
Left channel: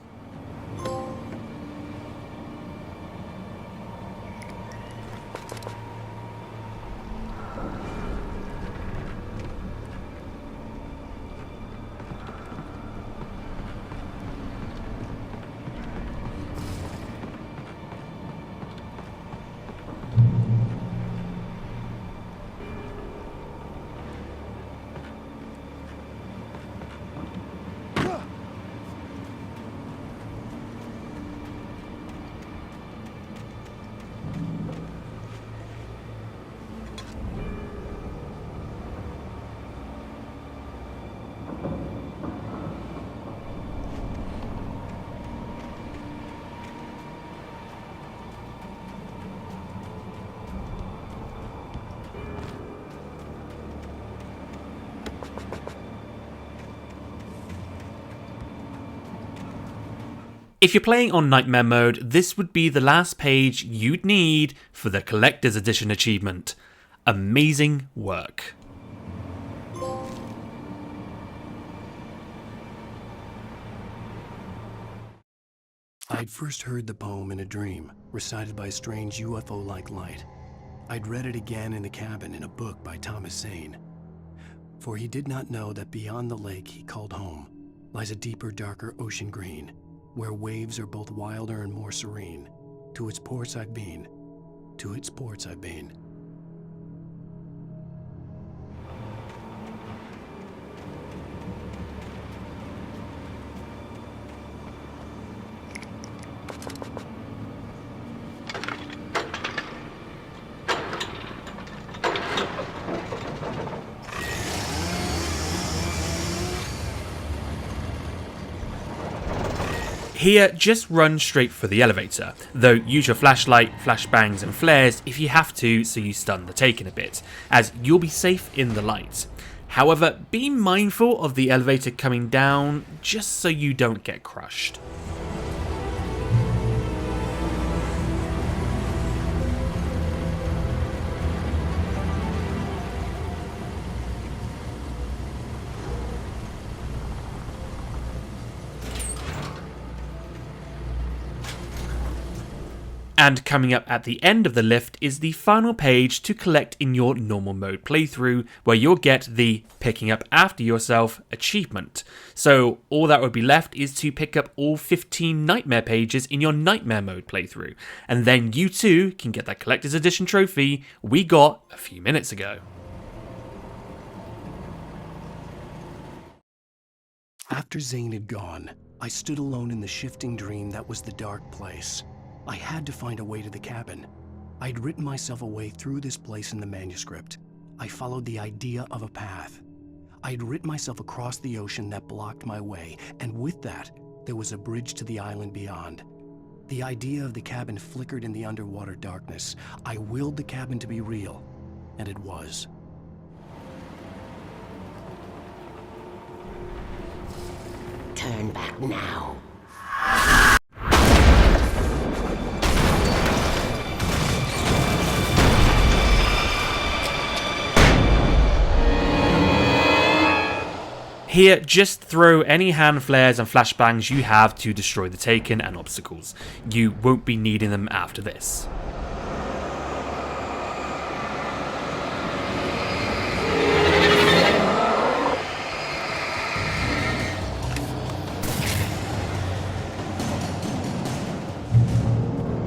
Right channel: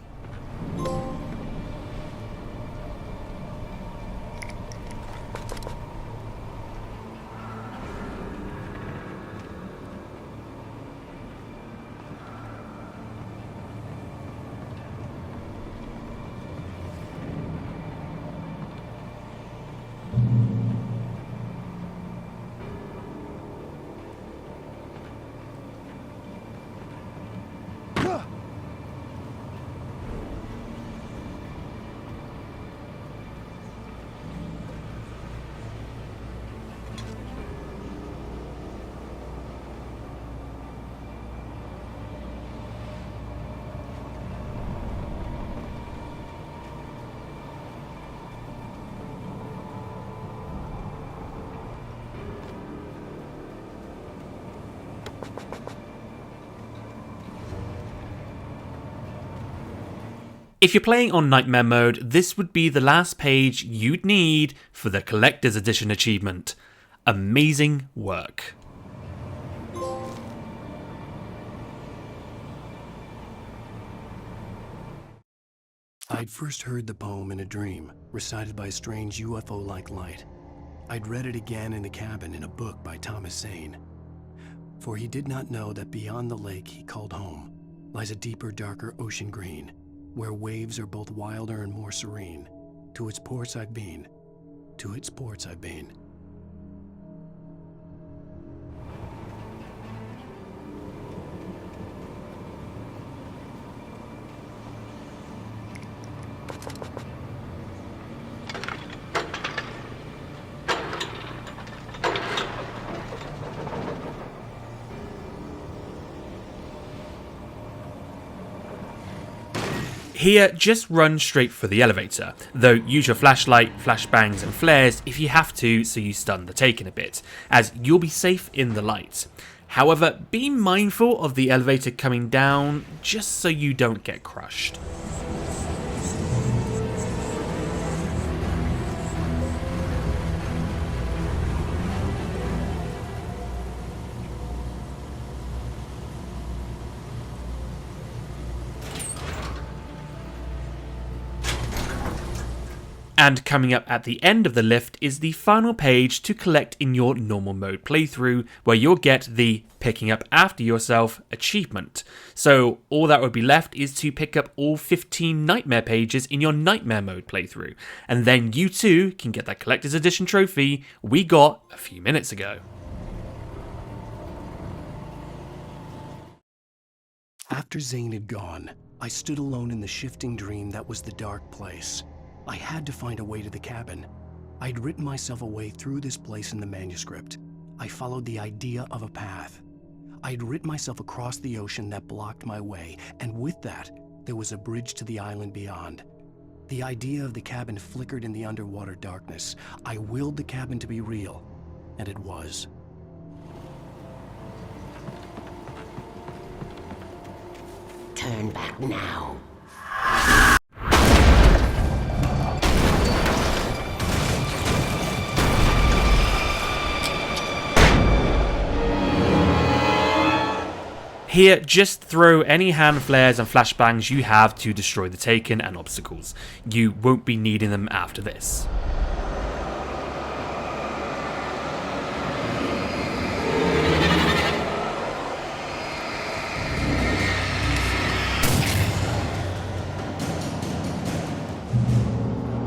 If you're playing on Nightmare mode, this would be the last page you'd need for the Collector's Edition achievement. Amazing work. I'd first heard the poem in a dream, recited by a strange UFO-like light. I'd read it again in the cabin in a book by Thomas Zane. For he did not know that beyond the lake he called home lies a deeper, darker ocean green, where waves are both wilder and more serene. To its ports I've been, to its ports I've been. Here, just run straight for the elevator, though use your flashlight, flashbangs and flares if you have to so you stun the Taken a bit, as you'll be safe in the light. However, be mindful of the elevator coming down just so you don't get crushed. And coming up at the end of the lift is the final page to collect in your normal mode playthrough, where you'll get the Picking Up After Yourself achievement. So all that would be left is to pick up all 15 Nightmare pages in your Nightmare mode playthrough, and then you too can get that Collector's Edition trophy we got a few minutes ago. After Zane had gone, I stood alone in the shifting dream that was the dark place. I had to find a way to the cabin. I'd written myself a way through this place in the manuscript. I followed the idea of a path. I'd written myself across the ocean that blocked my way, and with that, there was a bridge to the island beyond. The idea of the cabin flickered in the underwater darkness. I willed the cabin to be real, and it was. Turn back now. Here, just throw any hand flares and flashbangs you have to destroy the Taken and obstacles. You won't be needing them after this.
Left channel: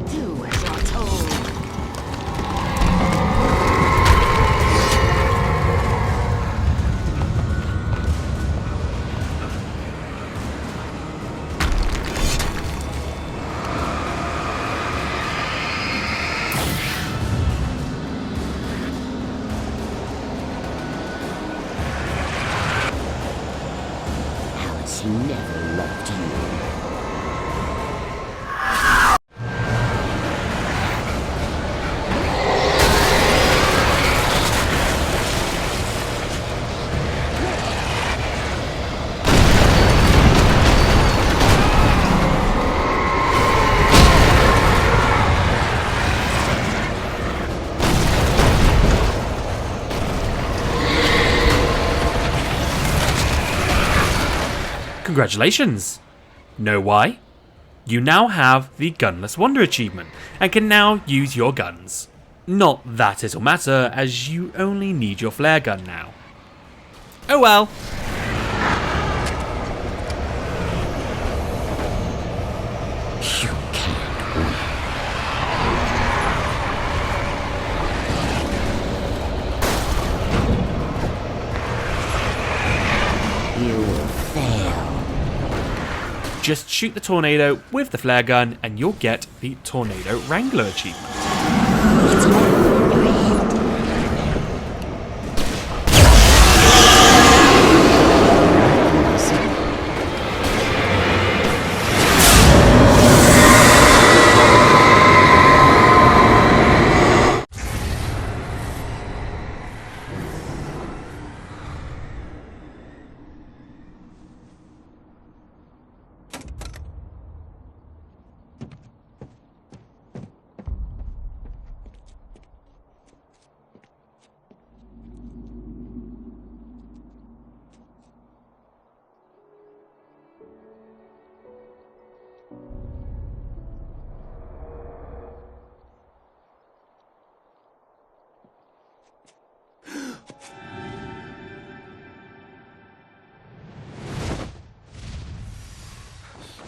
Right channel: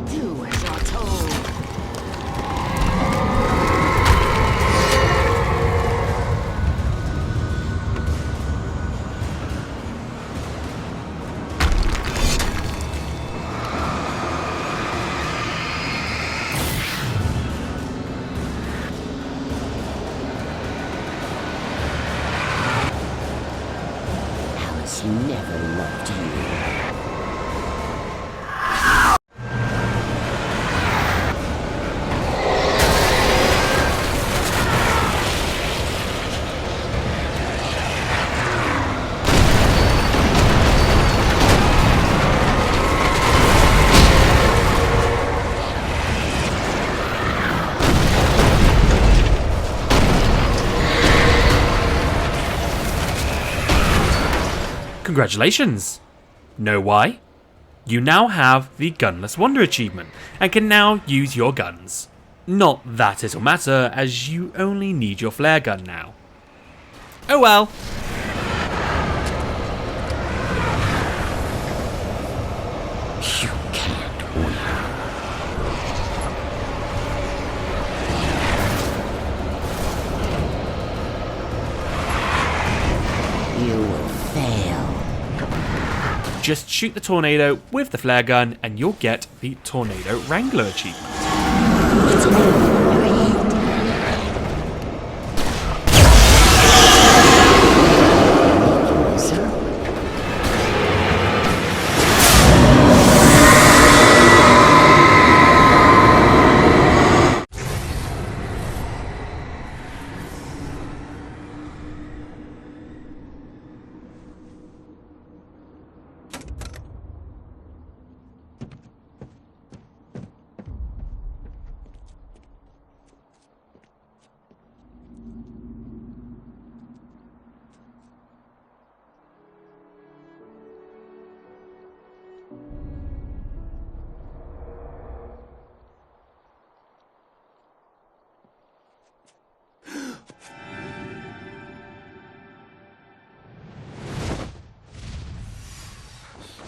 Do as you're told. Alice never loved you. Congratulations! Know why? You now have the Gunless Wonder achievement and can now use your guns. Not that it'll matter, as you only need your flare gun now. Oh well. You can't win. You will fail. Just shoot the tornado with the flare gun and you'll get the Tornado Wrangler achievement. It's all in your head. Listen.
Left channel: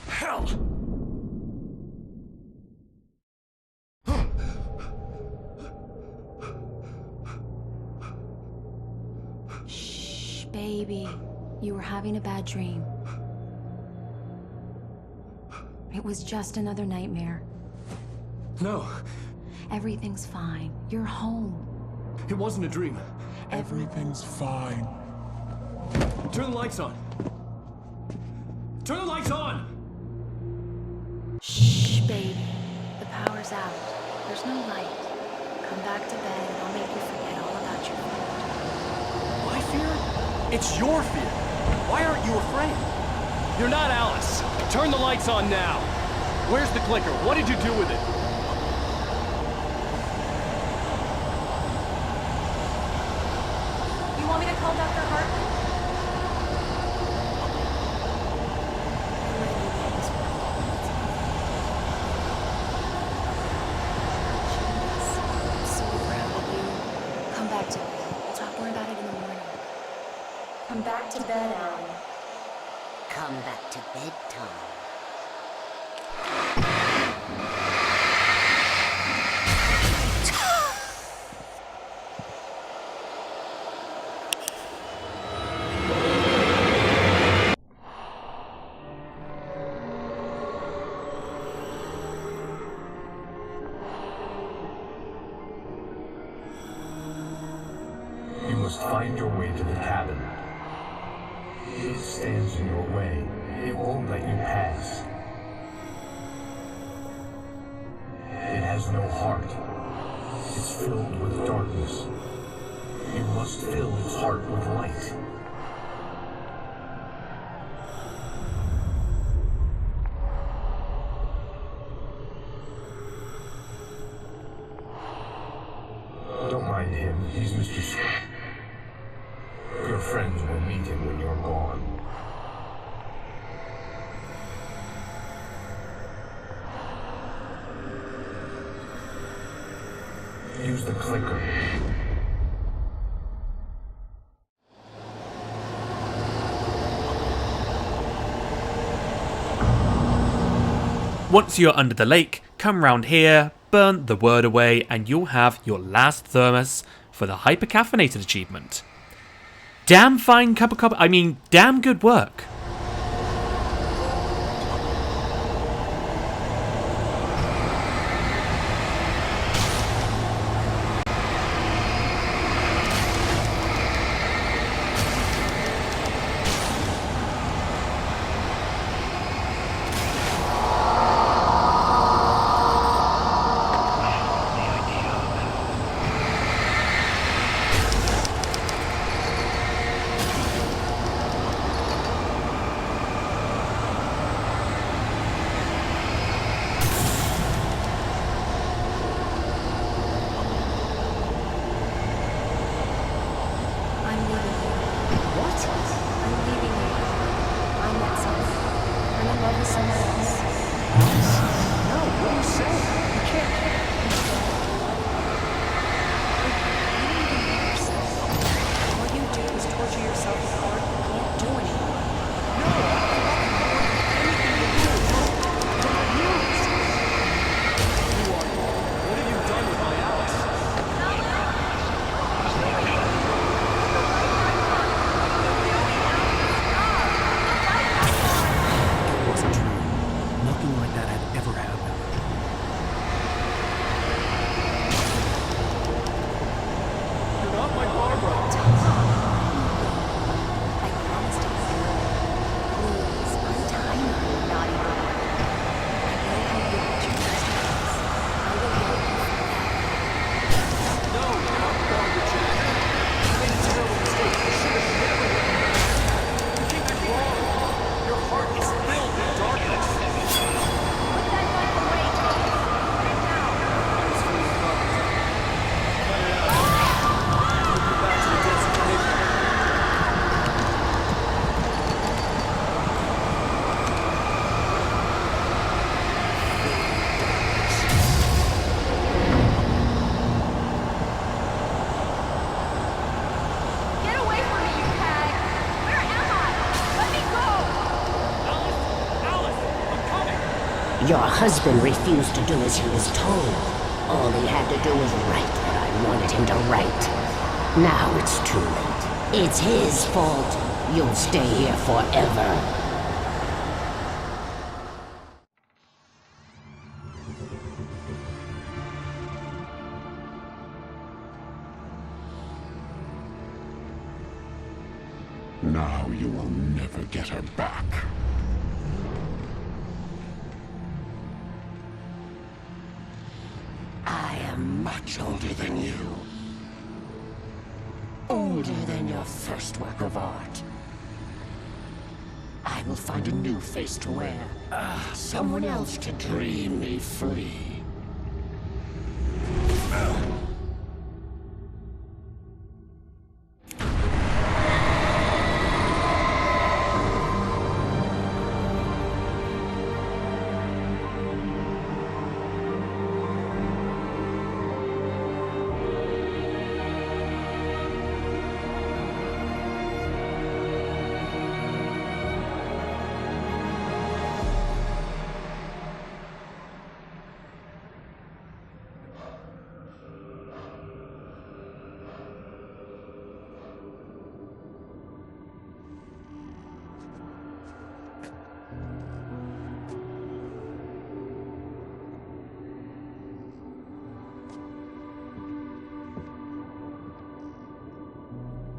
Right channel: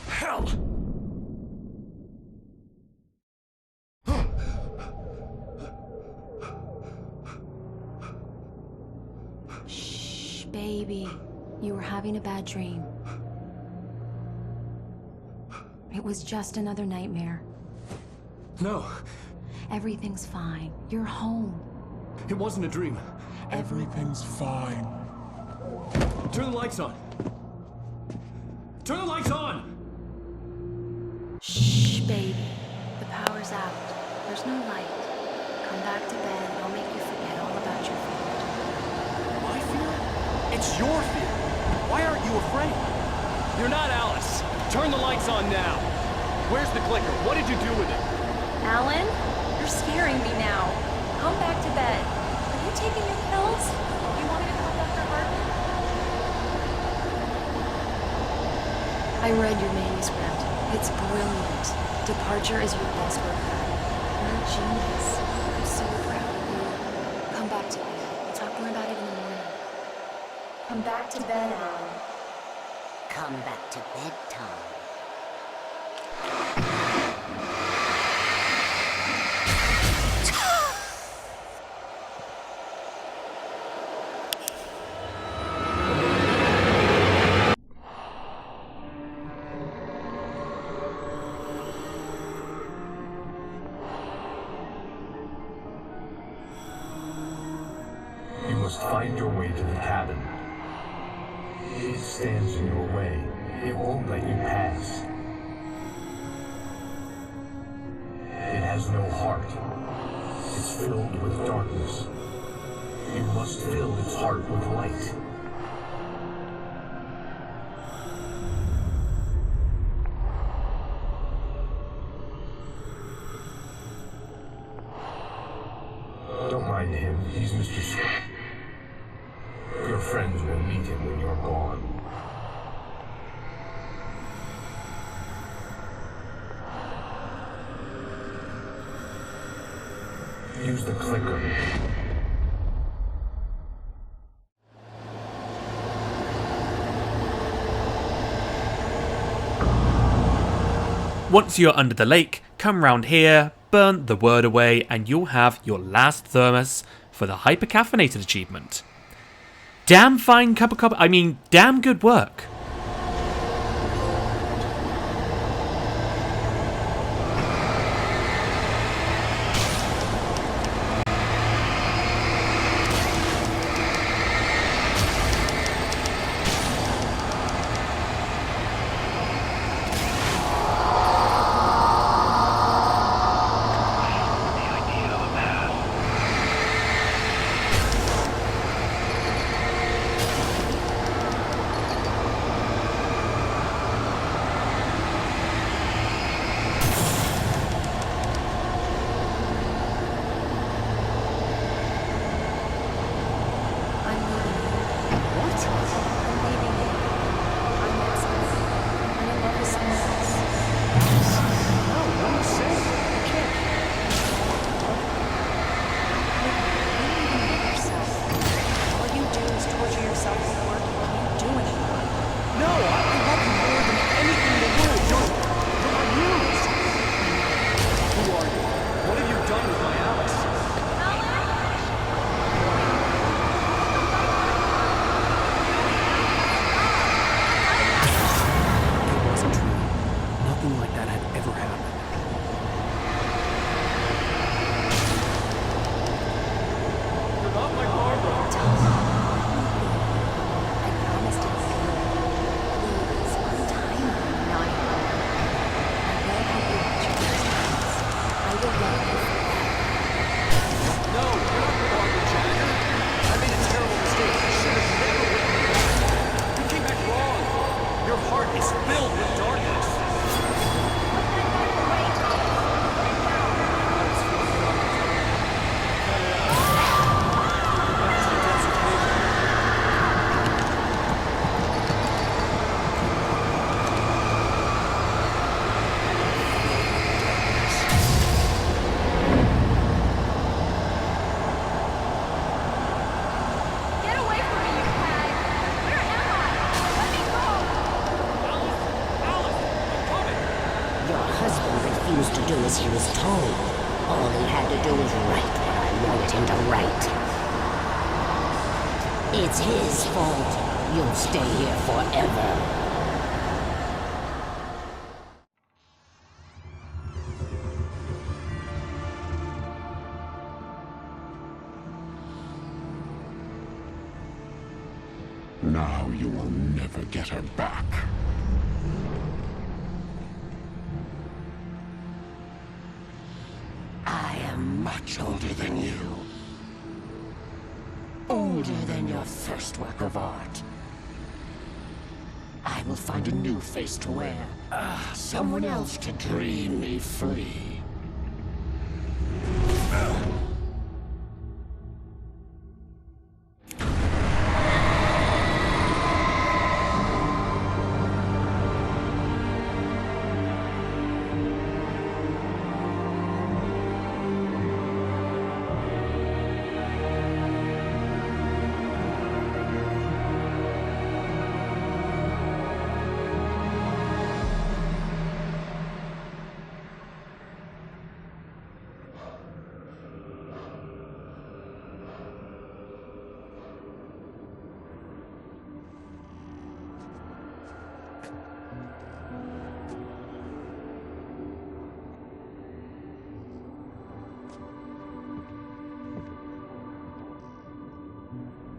Hell! Shh, baby. You were having a bad dream. It was just another nightmare. No, Everything's fine. You're home. it wasn't a dream. Everything's fine. Turn the lights on. Turn the lights on! Shh, baby. The power's out. There's no light. Come back to bed and I'll make you forget all about your fear. My fear? It's your fear. Why aren't you afraid? You're not Alice. Turn the lights on now. Where's the clicker? What did you do with it? Alan, you're scaring me now. Come back to bed. Have you taken your pills? You want me to call Dr. Hartman? I read your manuscript. It's brilliant. Departure is your best work. You're a genius. I'm so proud of you. Come back to bed. We'll talk more about it in the morning. Come back to bed, Alan. Come back to bed, Tom. You must find your way to the cabin. It stands in your way. It won't let you pass. It has no heart. It's filled with darkness. You must fill its heart with light. Don't mind him. He's Mr. Scott. Your friends will meet him when you're gone. Use the clicker. Once you're under the lake, come round here, burn the word away, and you'll have your last thermos for the Hypercaffeinated achievement. Damn fine damn good work. I'm leaving you. What? I'm leaving you, Alan. I met someone. I'm in love with someone else. Alice? No, what are you saying? You can't. Instead, I love you. How could you? You don't even love yourself. All you do is torture yourself with work you can't do anymore. No, I love you more than anything in the world. You're my muse. Who are you? What have you done with my Alice? Nothing like that had ever happened. You're not my Barbara. Tom, let me go. I promised to be good. Please, untie me, you naughty boy. I will help you out your first times. I will love you forever. No, you're not Barbara Jagger. I made a terrible mistake. I should have never let you back. You came back wrong. Your heart is filled with darkness. Put that knife away, Thomas. Put it down. I was feeling darkness. Cut it out. Take you back to the desert cave. Get away from me, you hag! Where am I? Let me go! Alice! I'm coming! Your husband refused to do as he was told. All he had to do was write what I wanted him to write. Now it's too late. It's his fault. You'll stay here forever. Now you will never get her back. much older than you. Older than your first work of art. I will find a new face to wear. Someone else to dream me free.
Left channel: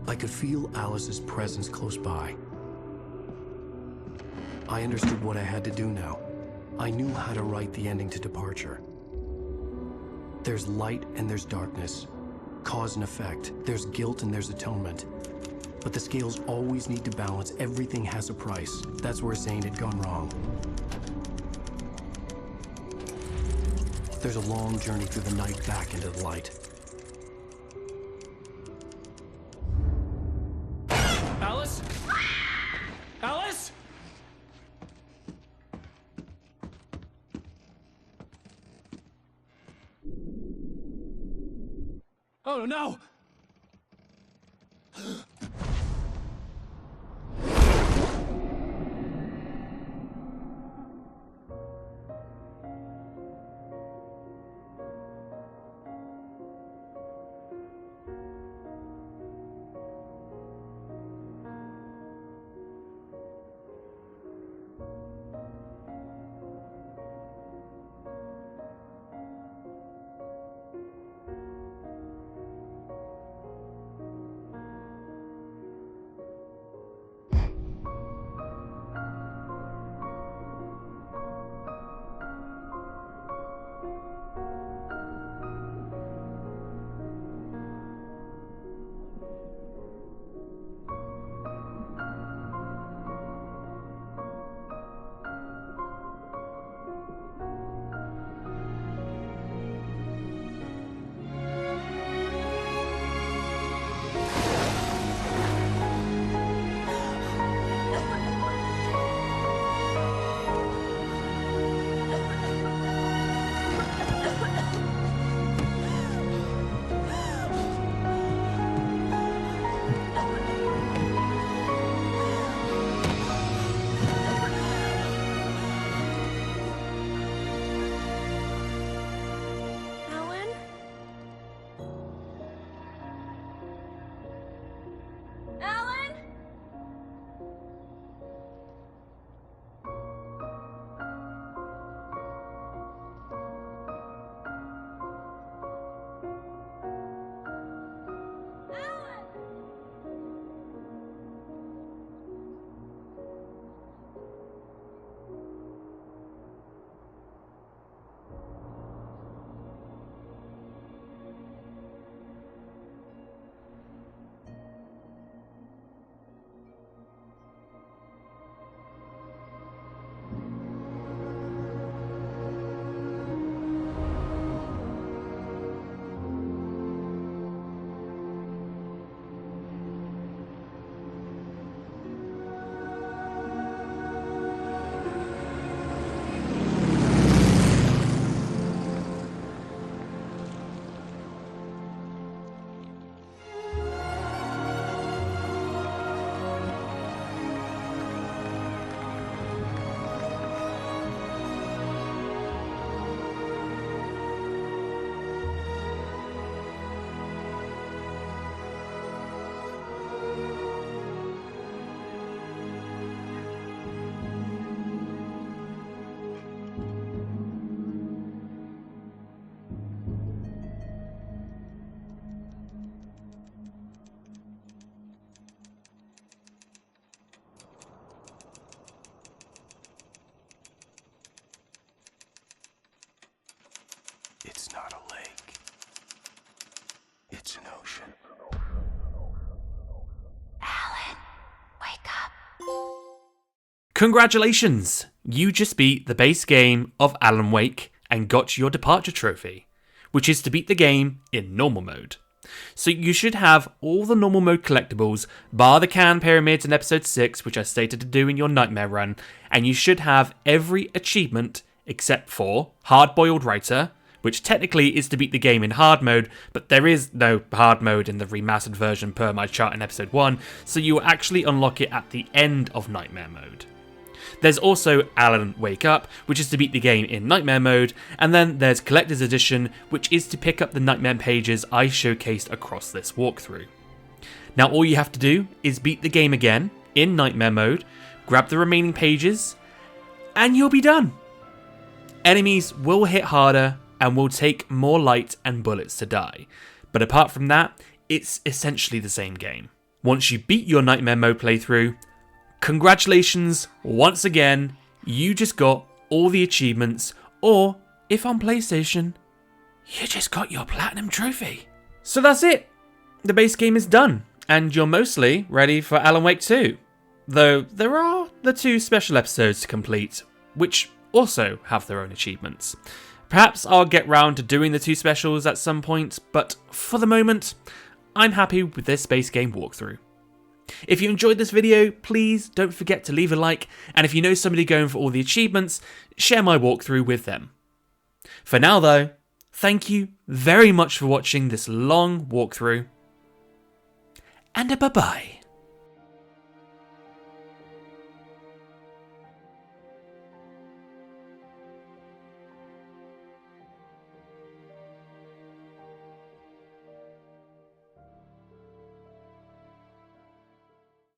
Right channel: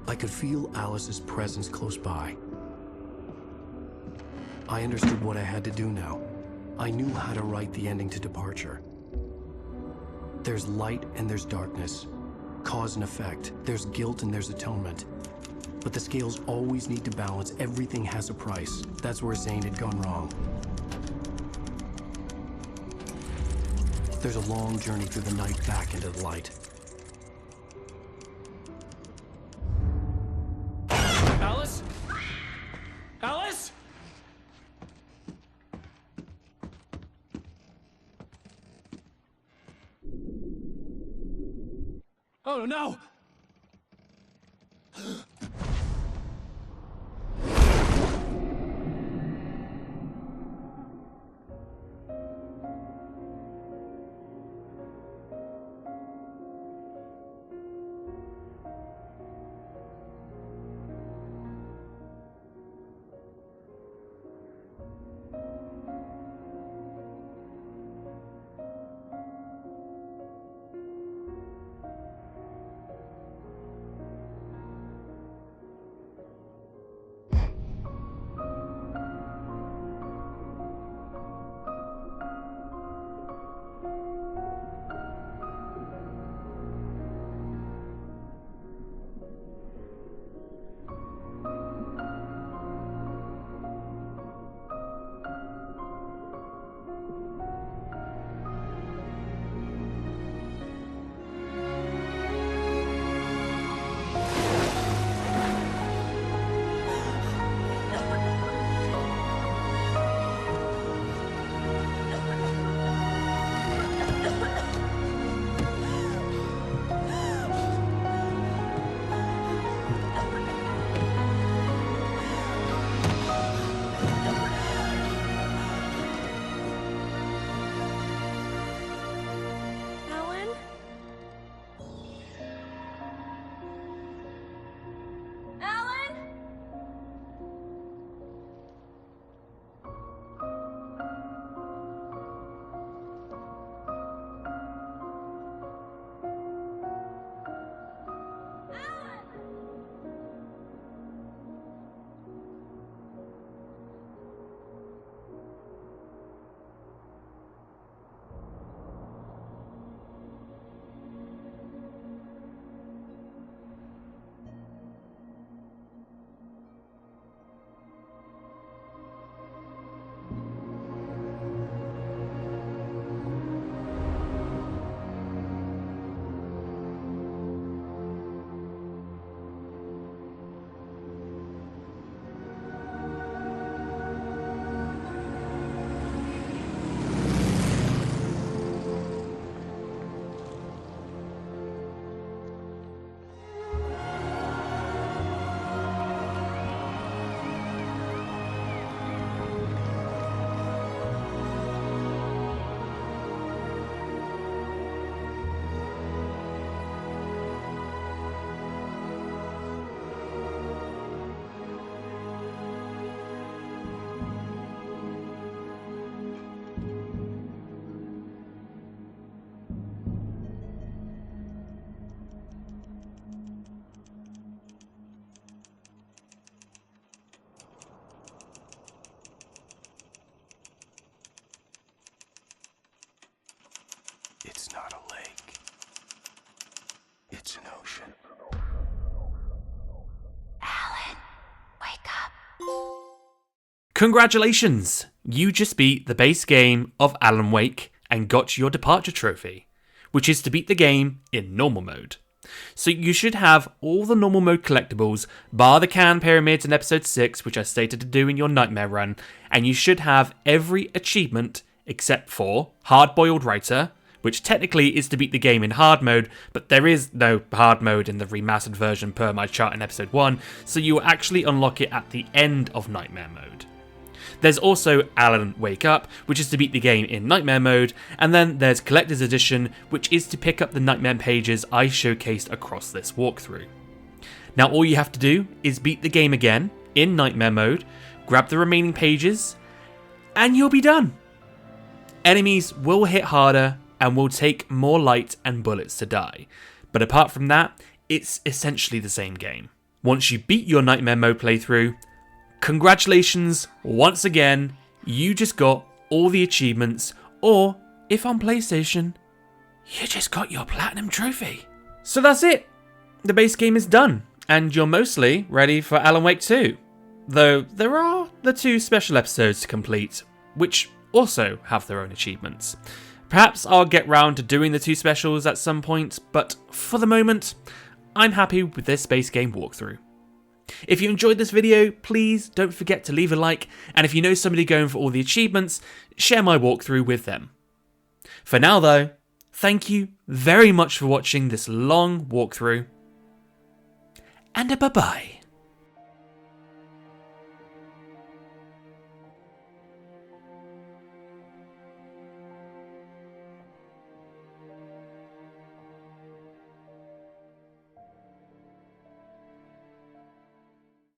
I could feel Alice's presence close by. I understood what I had to do now. I knew how to write the ending to Departure. There's light and there's darkness. Cause and effect. There's guilt and there's atonement. But the scales always need to balance. Everything has a price. That's where Zane had gone wrong. There's a long journey through the night back into the light. Alice? Alice? Oh no! It's not a lake. Alan, wake up. Congratulations! You just beat the base game of Alan Wake and got your departure trophy, which is to beat the game in normal mode. So you should have all the normal mode collectibles, bar the can pyramids in episode 6, which I stated to do in your nightmare run, and you should have every achievement except for Hardboiled Writer, which technically is to beat the game in hard mode, but there is no hard mode in the remastered version per my chart in episode 1, so you will actually unlock it at the end of nightmare mode. There's also Alan Wake Up, which is to beat the game in Nightmare mode, and then there's Collector's Edition, which is to pick up the Nightmare pages I showcased across this walkthrough. Now all you have to do is beat the game again, in Nightmare mode, grab the remaining pages, and you'll be done! Enemies will hit harder, and will take more light and bullets to die, but apart from that, it's essentially the same game. Once you beat your Nightmare mode playthrough, congratulations once again, you just got all the achievements, or if on PlayStation, you just got your Platinum Trophy. So that's it, the base game is done, and you're mostly ready for Alan Wake 2. Though there are the 2 special episodes to complete, which also have their own achievements. Perhaps I'll get round to doing the 2 specials at some point, but for the moment, I'm happy with this base game walkthrough. If you enjoyed this video, please don't forget to leave a like, and if you know somebody going for all the achievements, share my walkthrough with them. For now though, thank you very much for watching this long walkthrough, and a bye-bye.